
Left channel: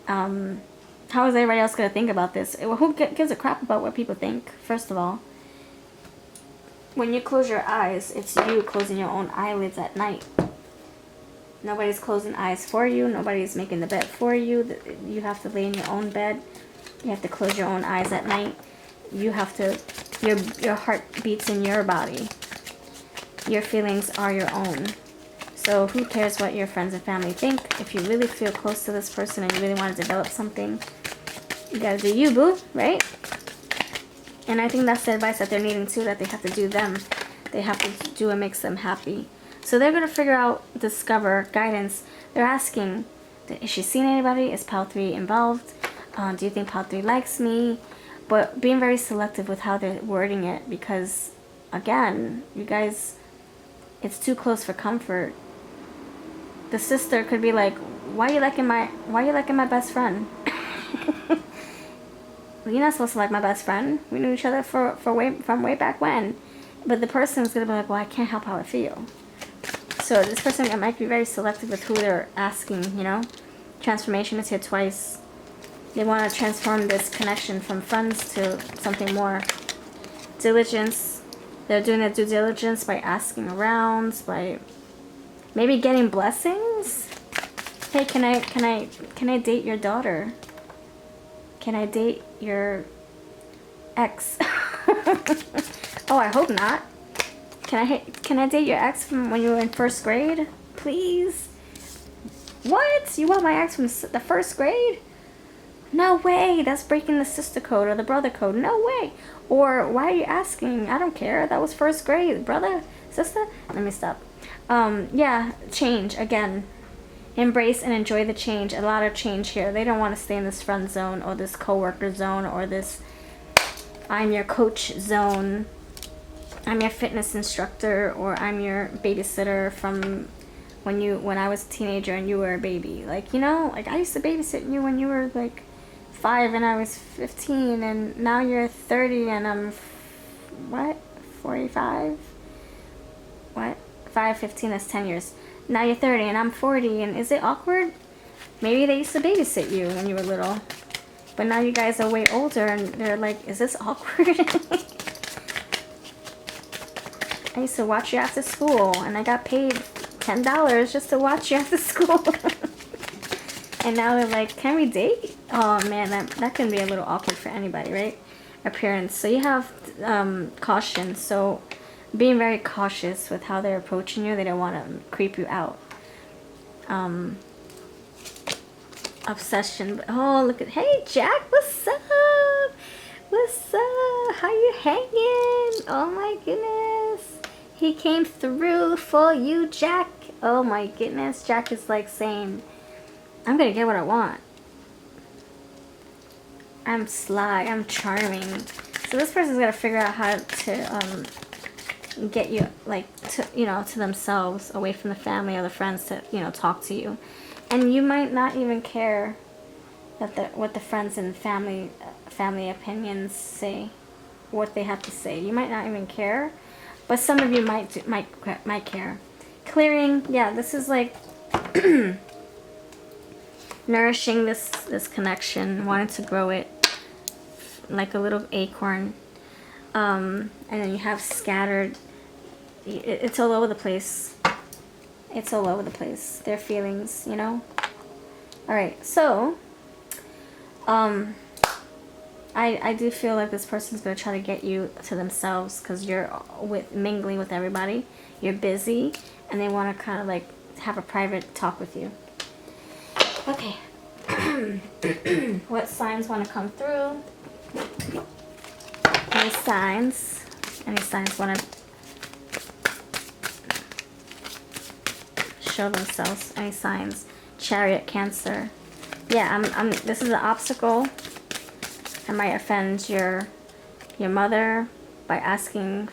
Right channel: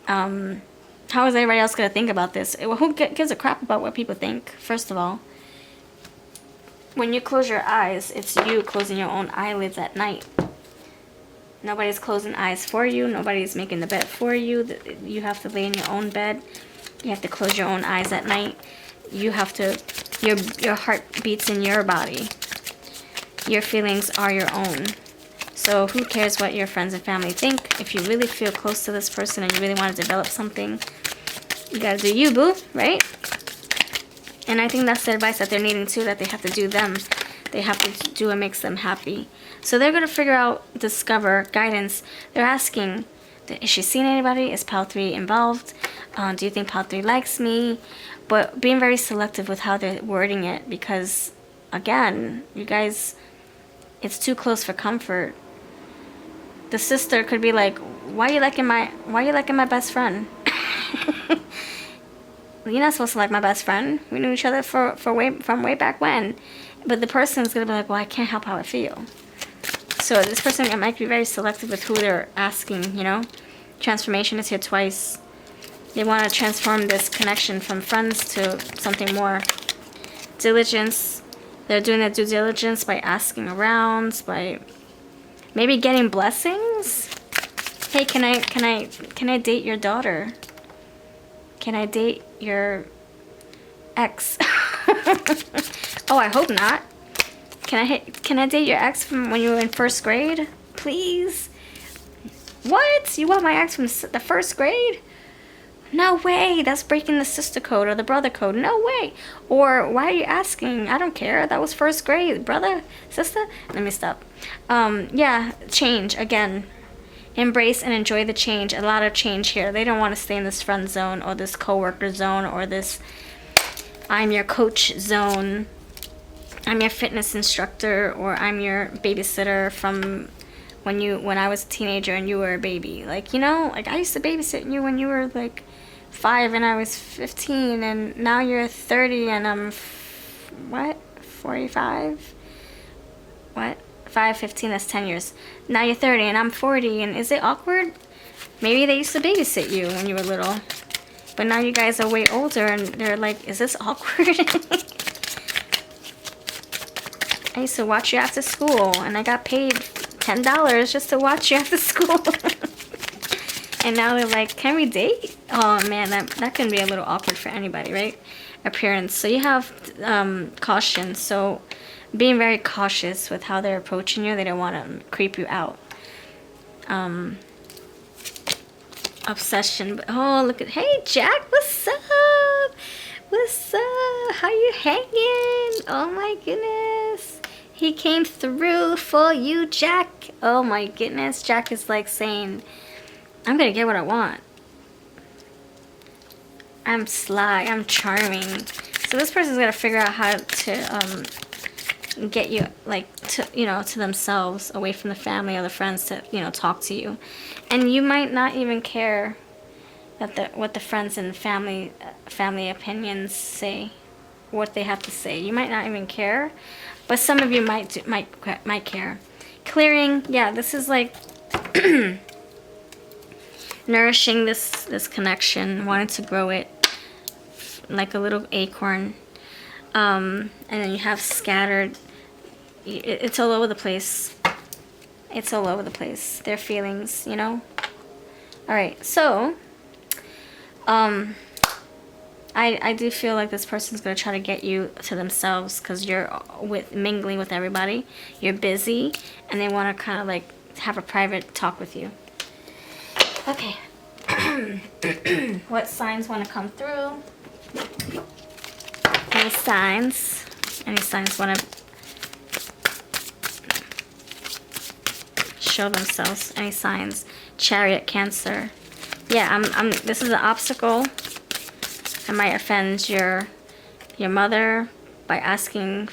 how is everybody else going to think about this? Well, who gives a crap about what people think, first of all? When you close your eyes, it's you closing your own eyelids at night. Nobody's closing eyes for you. Nobody's making the bed for you. You have to lay in your own bed. You have to close your own eyes at night. You have to, your heart beats in your body. Your feelings are your own. So who cares what your friends and family think? If you really feel close to this person and you really want to develop something, you gotta do you, boo, right? And I think that's the advice that they're needing too, that they have to do them. They have to do what makes them happy. So they're going to figure out, discover, guidance. They're asking, is she seeing anybody? Is Pal 3 involved? Do you think Pal 3 likes me? But being very selective with how they're wording it, because, again, you guys, it's too close for comfort. The sister could be like, why are you liking my best friend? You're not supposed to like my best friend. We knew each other from way back when. But the person's going to be like, well, I can't help how I feel. So this person might be very selective with who they're asking, you know. Transformation is here twice. They want to transform this connection from friends to something more. Diligence. They're doing their due diligence by asking around, by maybe getting blessings. Hey, can I date your daughter? Can I date your ex? Oh, I hope not. Can I date your ex from when you were in first grade? Please? What? You want my ex from the first grade? No way. That's breaking the sister code or the brother code. No way. Or why are you asking? I don't care. That was first grade. Brother? Sister? Let me stop. Yeah, change. Again. Embrace and enjoy the change. A lot of change here. They don't want to stay in this friend zone or this coworker zone or this I'm your coach zone. I'm your fitness instructor, or I'm your babysitter from when I was a teenager and you were a baby. Like, you know, like I used to babysit you when you were like 5 and I was 15, and now you're 30 and I'm 45? What? 5, 15, that's 10 years. Now you're 30 and I'm 40, and is it awkward? Maybe they used to babysit you when you were little. But now you guys are way older and they're like, is this awkward? I used to watch you after school and I got paid $10 just to watch you after school. And now they're like, can we date? Oh man, that can be a little awkward for anybody, right? Appearance. So you have caution. So being very cautious with how they're approaching you. They don't want to creep you out. Obsession. Oh, look at, hey Jack, what's up? What's up? How you hanging? Oh my goodness. He came through for you, Jack. Oh my goodness. Jack is like saying, I'm gonna get what I want. I'm sly. I'm charming. So this person's gonna figure out how to get you, like, to, you know, to themselves, away from the family or the friends, to, you know, talk to you. And you might not even care that what the friends and family opinions say, what they have to say. You might not even care, but some of you might care. Clearing, yeah, this is like nourishing this connection, wanting to grow it like a little acorn. And then you have scattered. It's all over the place. It's all over the place. Their feelings, you know. All right, so I do feel like this person's gonna try to get you to themselves because you're mingling with everybody. You're busy, and they want to kind of like have a private talk with you. Okay. What signs want to come through? Any signs? Any signs want to show themselves? Any signs? Chariot, Cancer. Yeah, this is an obstacle. I might offend your mother by asking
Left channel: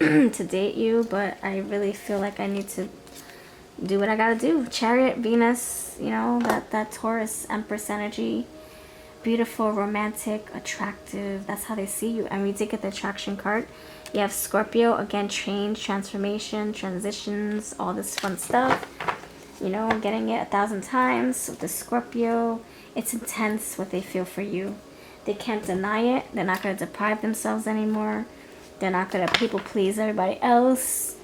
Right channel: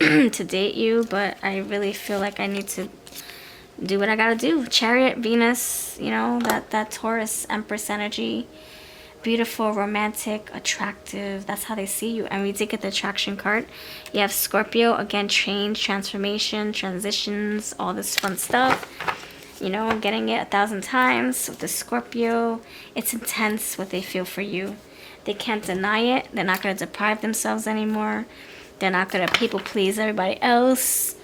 to date you, but I really feel like I need to do what I gotta do. Chariot, Venus, you know, that Taurus Empress energy. beautiful, romantic, attractive. That's how they see you. And we did get the attraction card. You have Scorpio, again, change, transformation, transitions, all this fun stuff. You know, I'm getting it 1,000 times with the Scorpio. It's intense what they feel for you. They can't deny it. They're not going to deprive themselves anymore. They're not going to people please everybody else.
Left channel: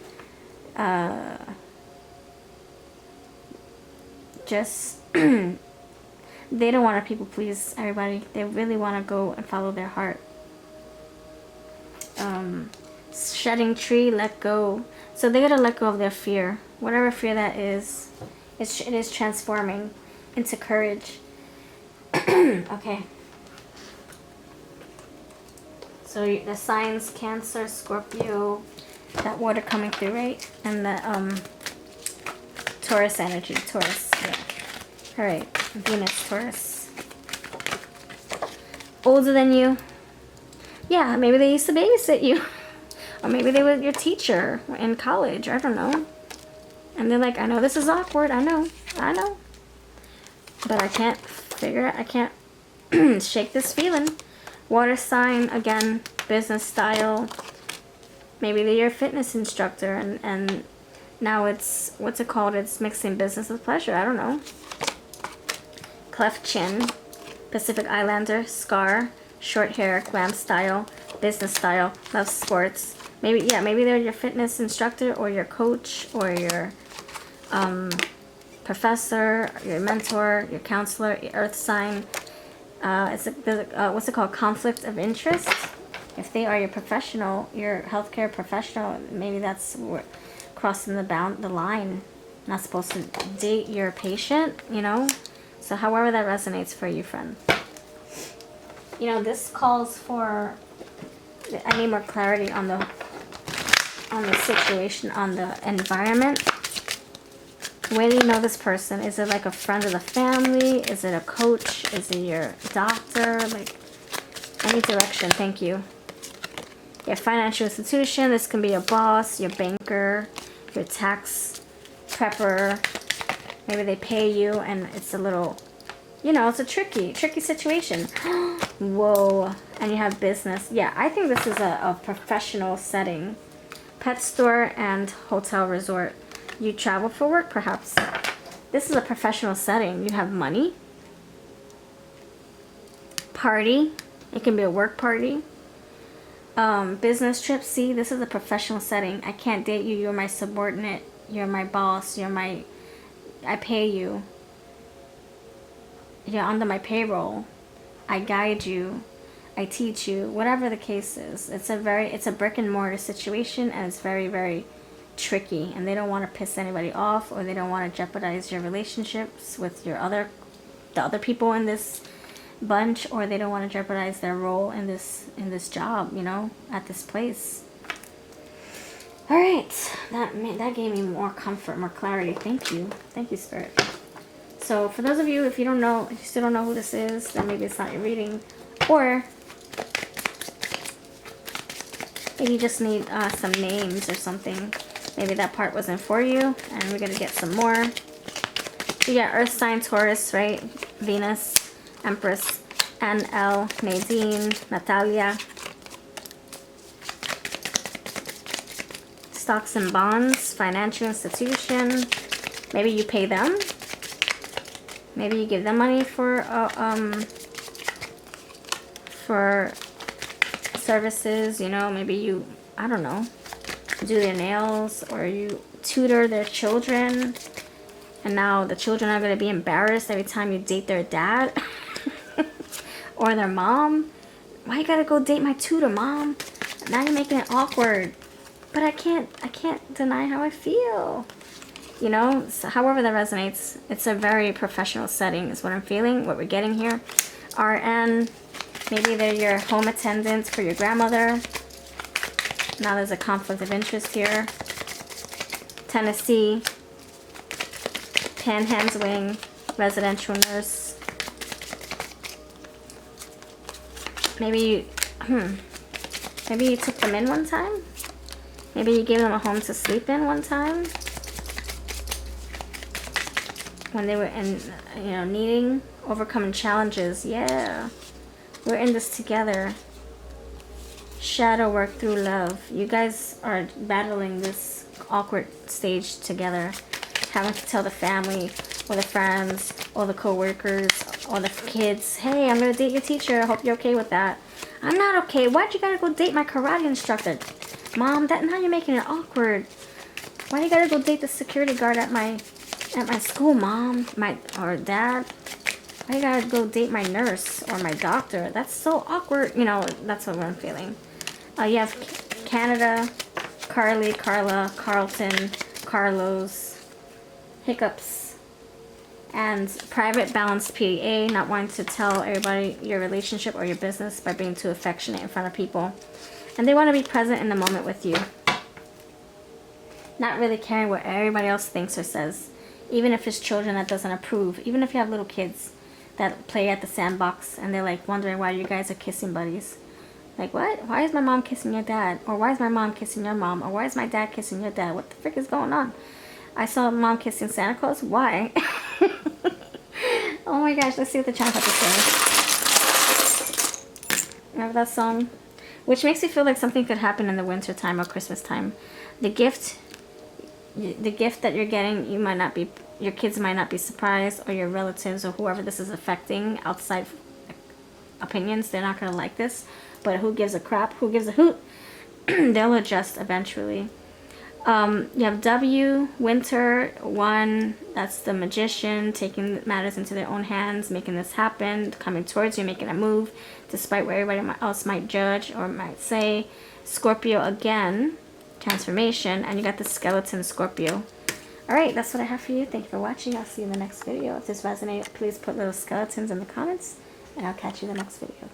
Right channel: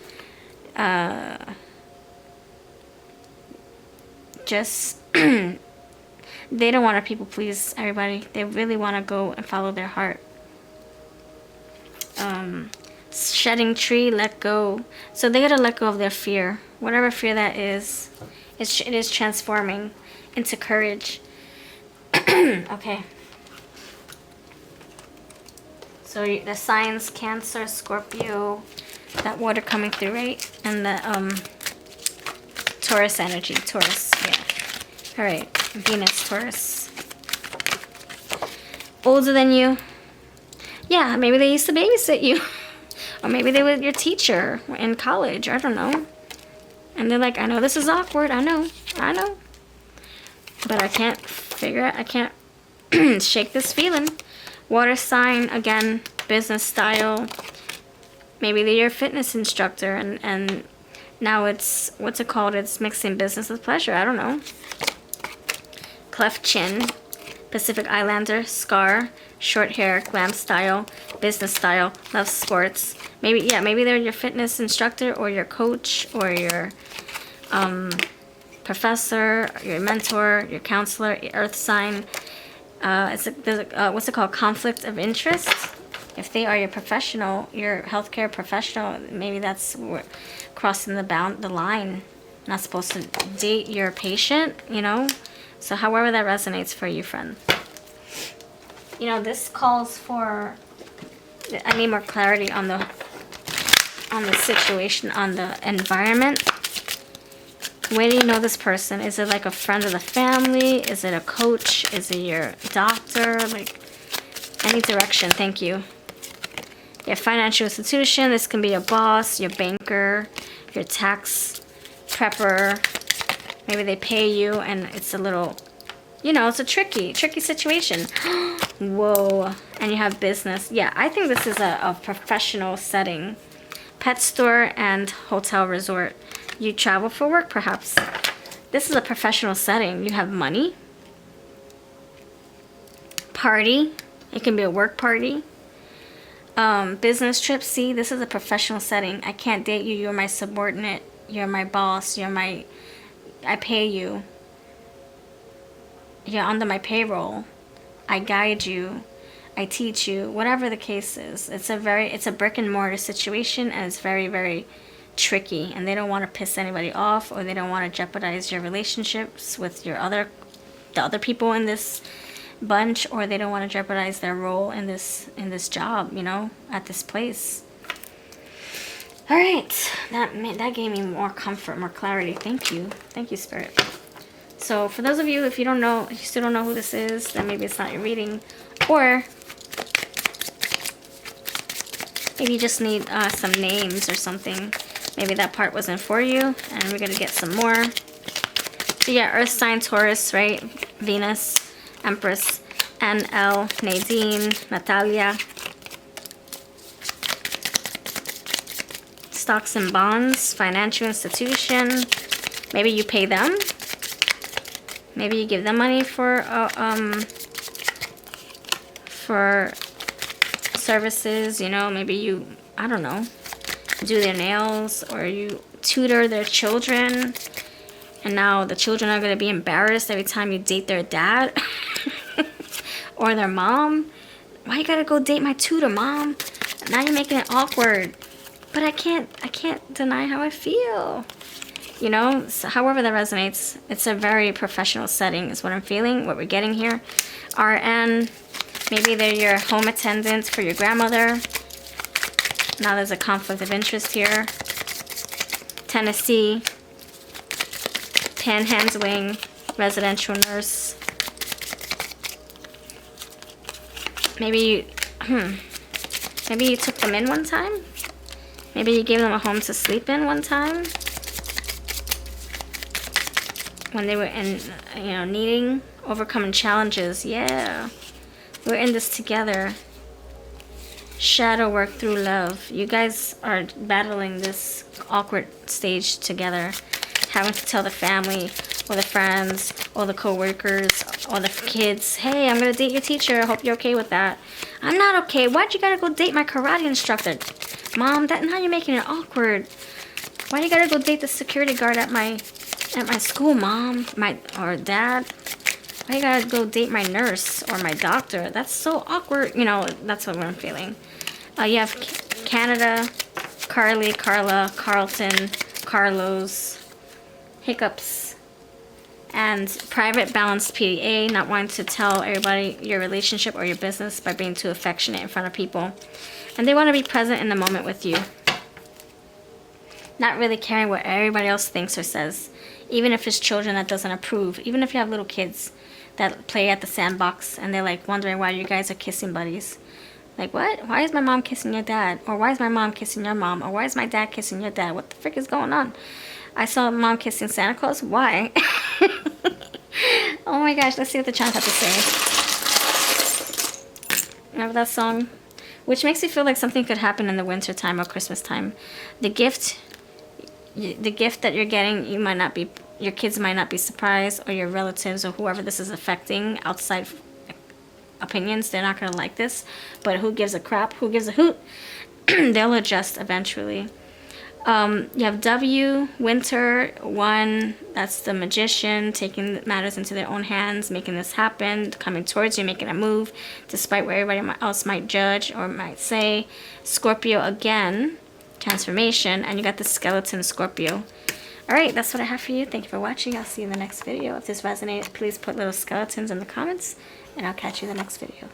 Just they don't want to people please everybody. They really want to go and follow their heart. Shedding tree, let go. So they gotta let go of their fear, whatever fear that is. It is transforming into courage. Okay. So the signs: Cancer, Scorpio, that water coming through, right? And the Taurus energy, Taurus, yeah. All right, Venus, Taurus. Older than you. Yeah, maybe they used to babysit you. Or maybe they were your teacher in college, I don't know. And they're like, I know this is awkward, I know. But I can't figure it, I can't shake this feeling. Water sign, again, business style. Maybe they're your fitness instructor and now it's, what's it called? It's mixing business with pleasure. I don't know. Cleft chin. Pacific Islander. Scar. Short hair. Glam style. Business style. Loves sports. Maybe, yeah, maybe they're your fitness instructor or your coach or your professor, your mentor, your counselor, your earth sign. What's it called? Conflict of interest. If they are your professional, your healthcare professional, maybe that's crossing the line. Not supposed to date your patient, you know. So however that resonates for you, friend. You know, this calls for, I need more clarity on the situation, on the environment. Where do you know this person? Is it like a friend of the family? Is it a coach? Is it your doctor? Like, any direction, thank you. Your financial institution, this can be your boss, your banker, your tax prepper. Maybe they pay you and it's a little, you know, it's a tricky situation. Whoa. And you have business. Yeah, I think this is a professional setting. Pet store and hotel resort. You travel for work, perhaps. This is a professional setting. You have money. Party. It can be a work party. Business trip. See, this is a professional setting. I can't date you. You're my subordinate. You're my boss. I pay you. You're under my payroll. I guide you. I teach you. Whatever the case is. It's a brick and mortar situation, and it's very, very tricky, and they don't want to piss anybody off, or they don't want to jeopardize your relationships with the other people in this bunch, or they don't want to jeopardize their role in this job, you know, at this place. All right, that gave me more comfort, more clarity. Thank you, Spirit. So for those of you, if you still don't know who this is, then maybe it's not your reading, or maybe you just need some names or something. Maybe that part wasn't for you, and we're going to get some more. So yeah, Earth sign, Taurus, right? Venus, Empress, NL, Nadine, Natalia. Stocks and bonds, financial institution. Maybe you pay them. Maybe you give them money for services, you know. Maybe you, I don't know, do their nails, or you tutor their children, and now the children are going to be embarrassed every time you date their dad or their mom. Why you gotta go date my tutor, mom? Now you're making it awkward. But I can't deny how I feel, you know. So however that resonates, it's a very professional setting is what I'm feeling, what we're getting here. RN, maybe they're your home attendant for your grandmother. Now there's a conflict of interest here. Tennessee, panhandling, residential nurse. Maybe you took them in one time. Maybe you gave them a home to sleep in one time. when they were in, you know, needing, overcoming challenges. Yeah. We're in this together. Shadow work through love. You guys are battling this awkward stage together. Having to tell the family, or the friends, or the co-workers, or the kids, hey, I'm going to date your teacher. I hope you're okay with that. I'm not okay. Why'd you gotta go date my karate instructor? Mom, now you're making it awkward. Why you gotta go date the security guard at my school, Mom? Or Dad? Why you gotta go date my nurse or my doctor? That's so awkward. You know, that's what I'm feeling. You have Canada, Carly, Carla, Carlton, Carlos, hiccups, and private balanced PDA, not wanting to tell everybody your relationship or your business by being too affectionate in front of people. And they want to be present in the moment with you. Not really caring what everybody else thinks or says. Even if it's children that doesn't approve. Even if you have little kids that play at the sandbox and they're like wondering why you guys are kissing buddies. Like, what? Why is my mom kissing your dad? Or why is my mom kissing your mom? Or why is my dad kissing your dad? What the frick is going on? I saw mom kissing Santa Claus. Why? Oh my gosh, let's see what the child had to say. Remember that song? Which makes me feel like something could happen in the winter time or Christmas time. The gift that you're getting, your kids might not be surprised, or your relatives or whoever this is affecting, outside opinions, they're not going to like this. But who gives a crap? Who gives a hoot? They'll adjust eventually. You have W, Winter, 1, that's the magician, taking matters into their own hands, making this happen, coming towards you, making a move, despite what everybody else might judge or might say. Scorpio again, transformation, and you got the skeleton Scorpio. Alright, that's what I have for you. Thank you for watching. I'll see you in the next video. If this resonates, please put little skeletons in the comments, and I'll catch you in the next video.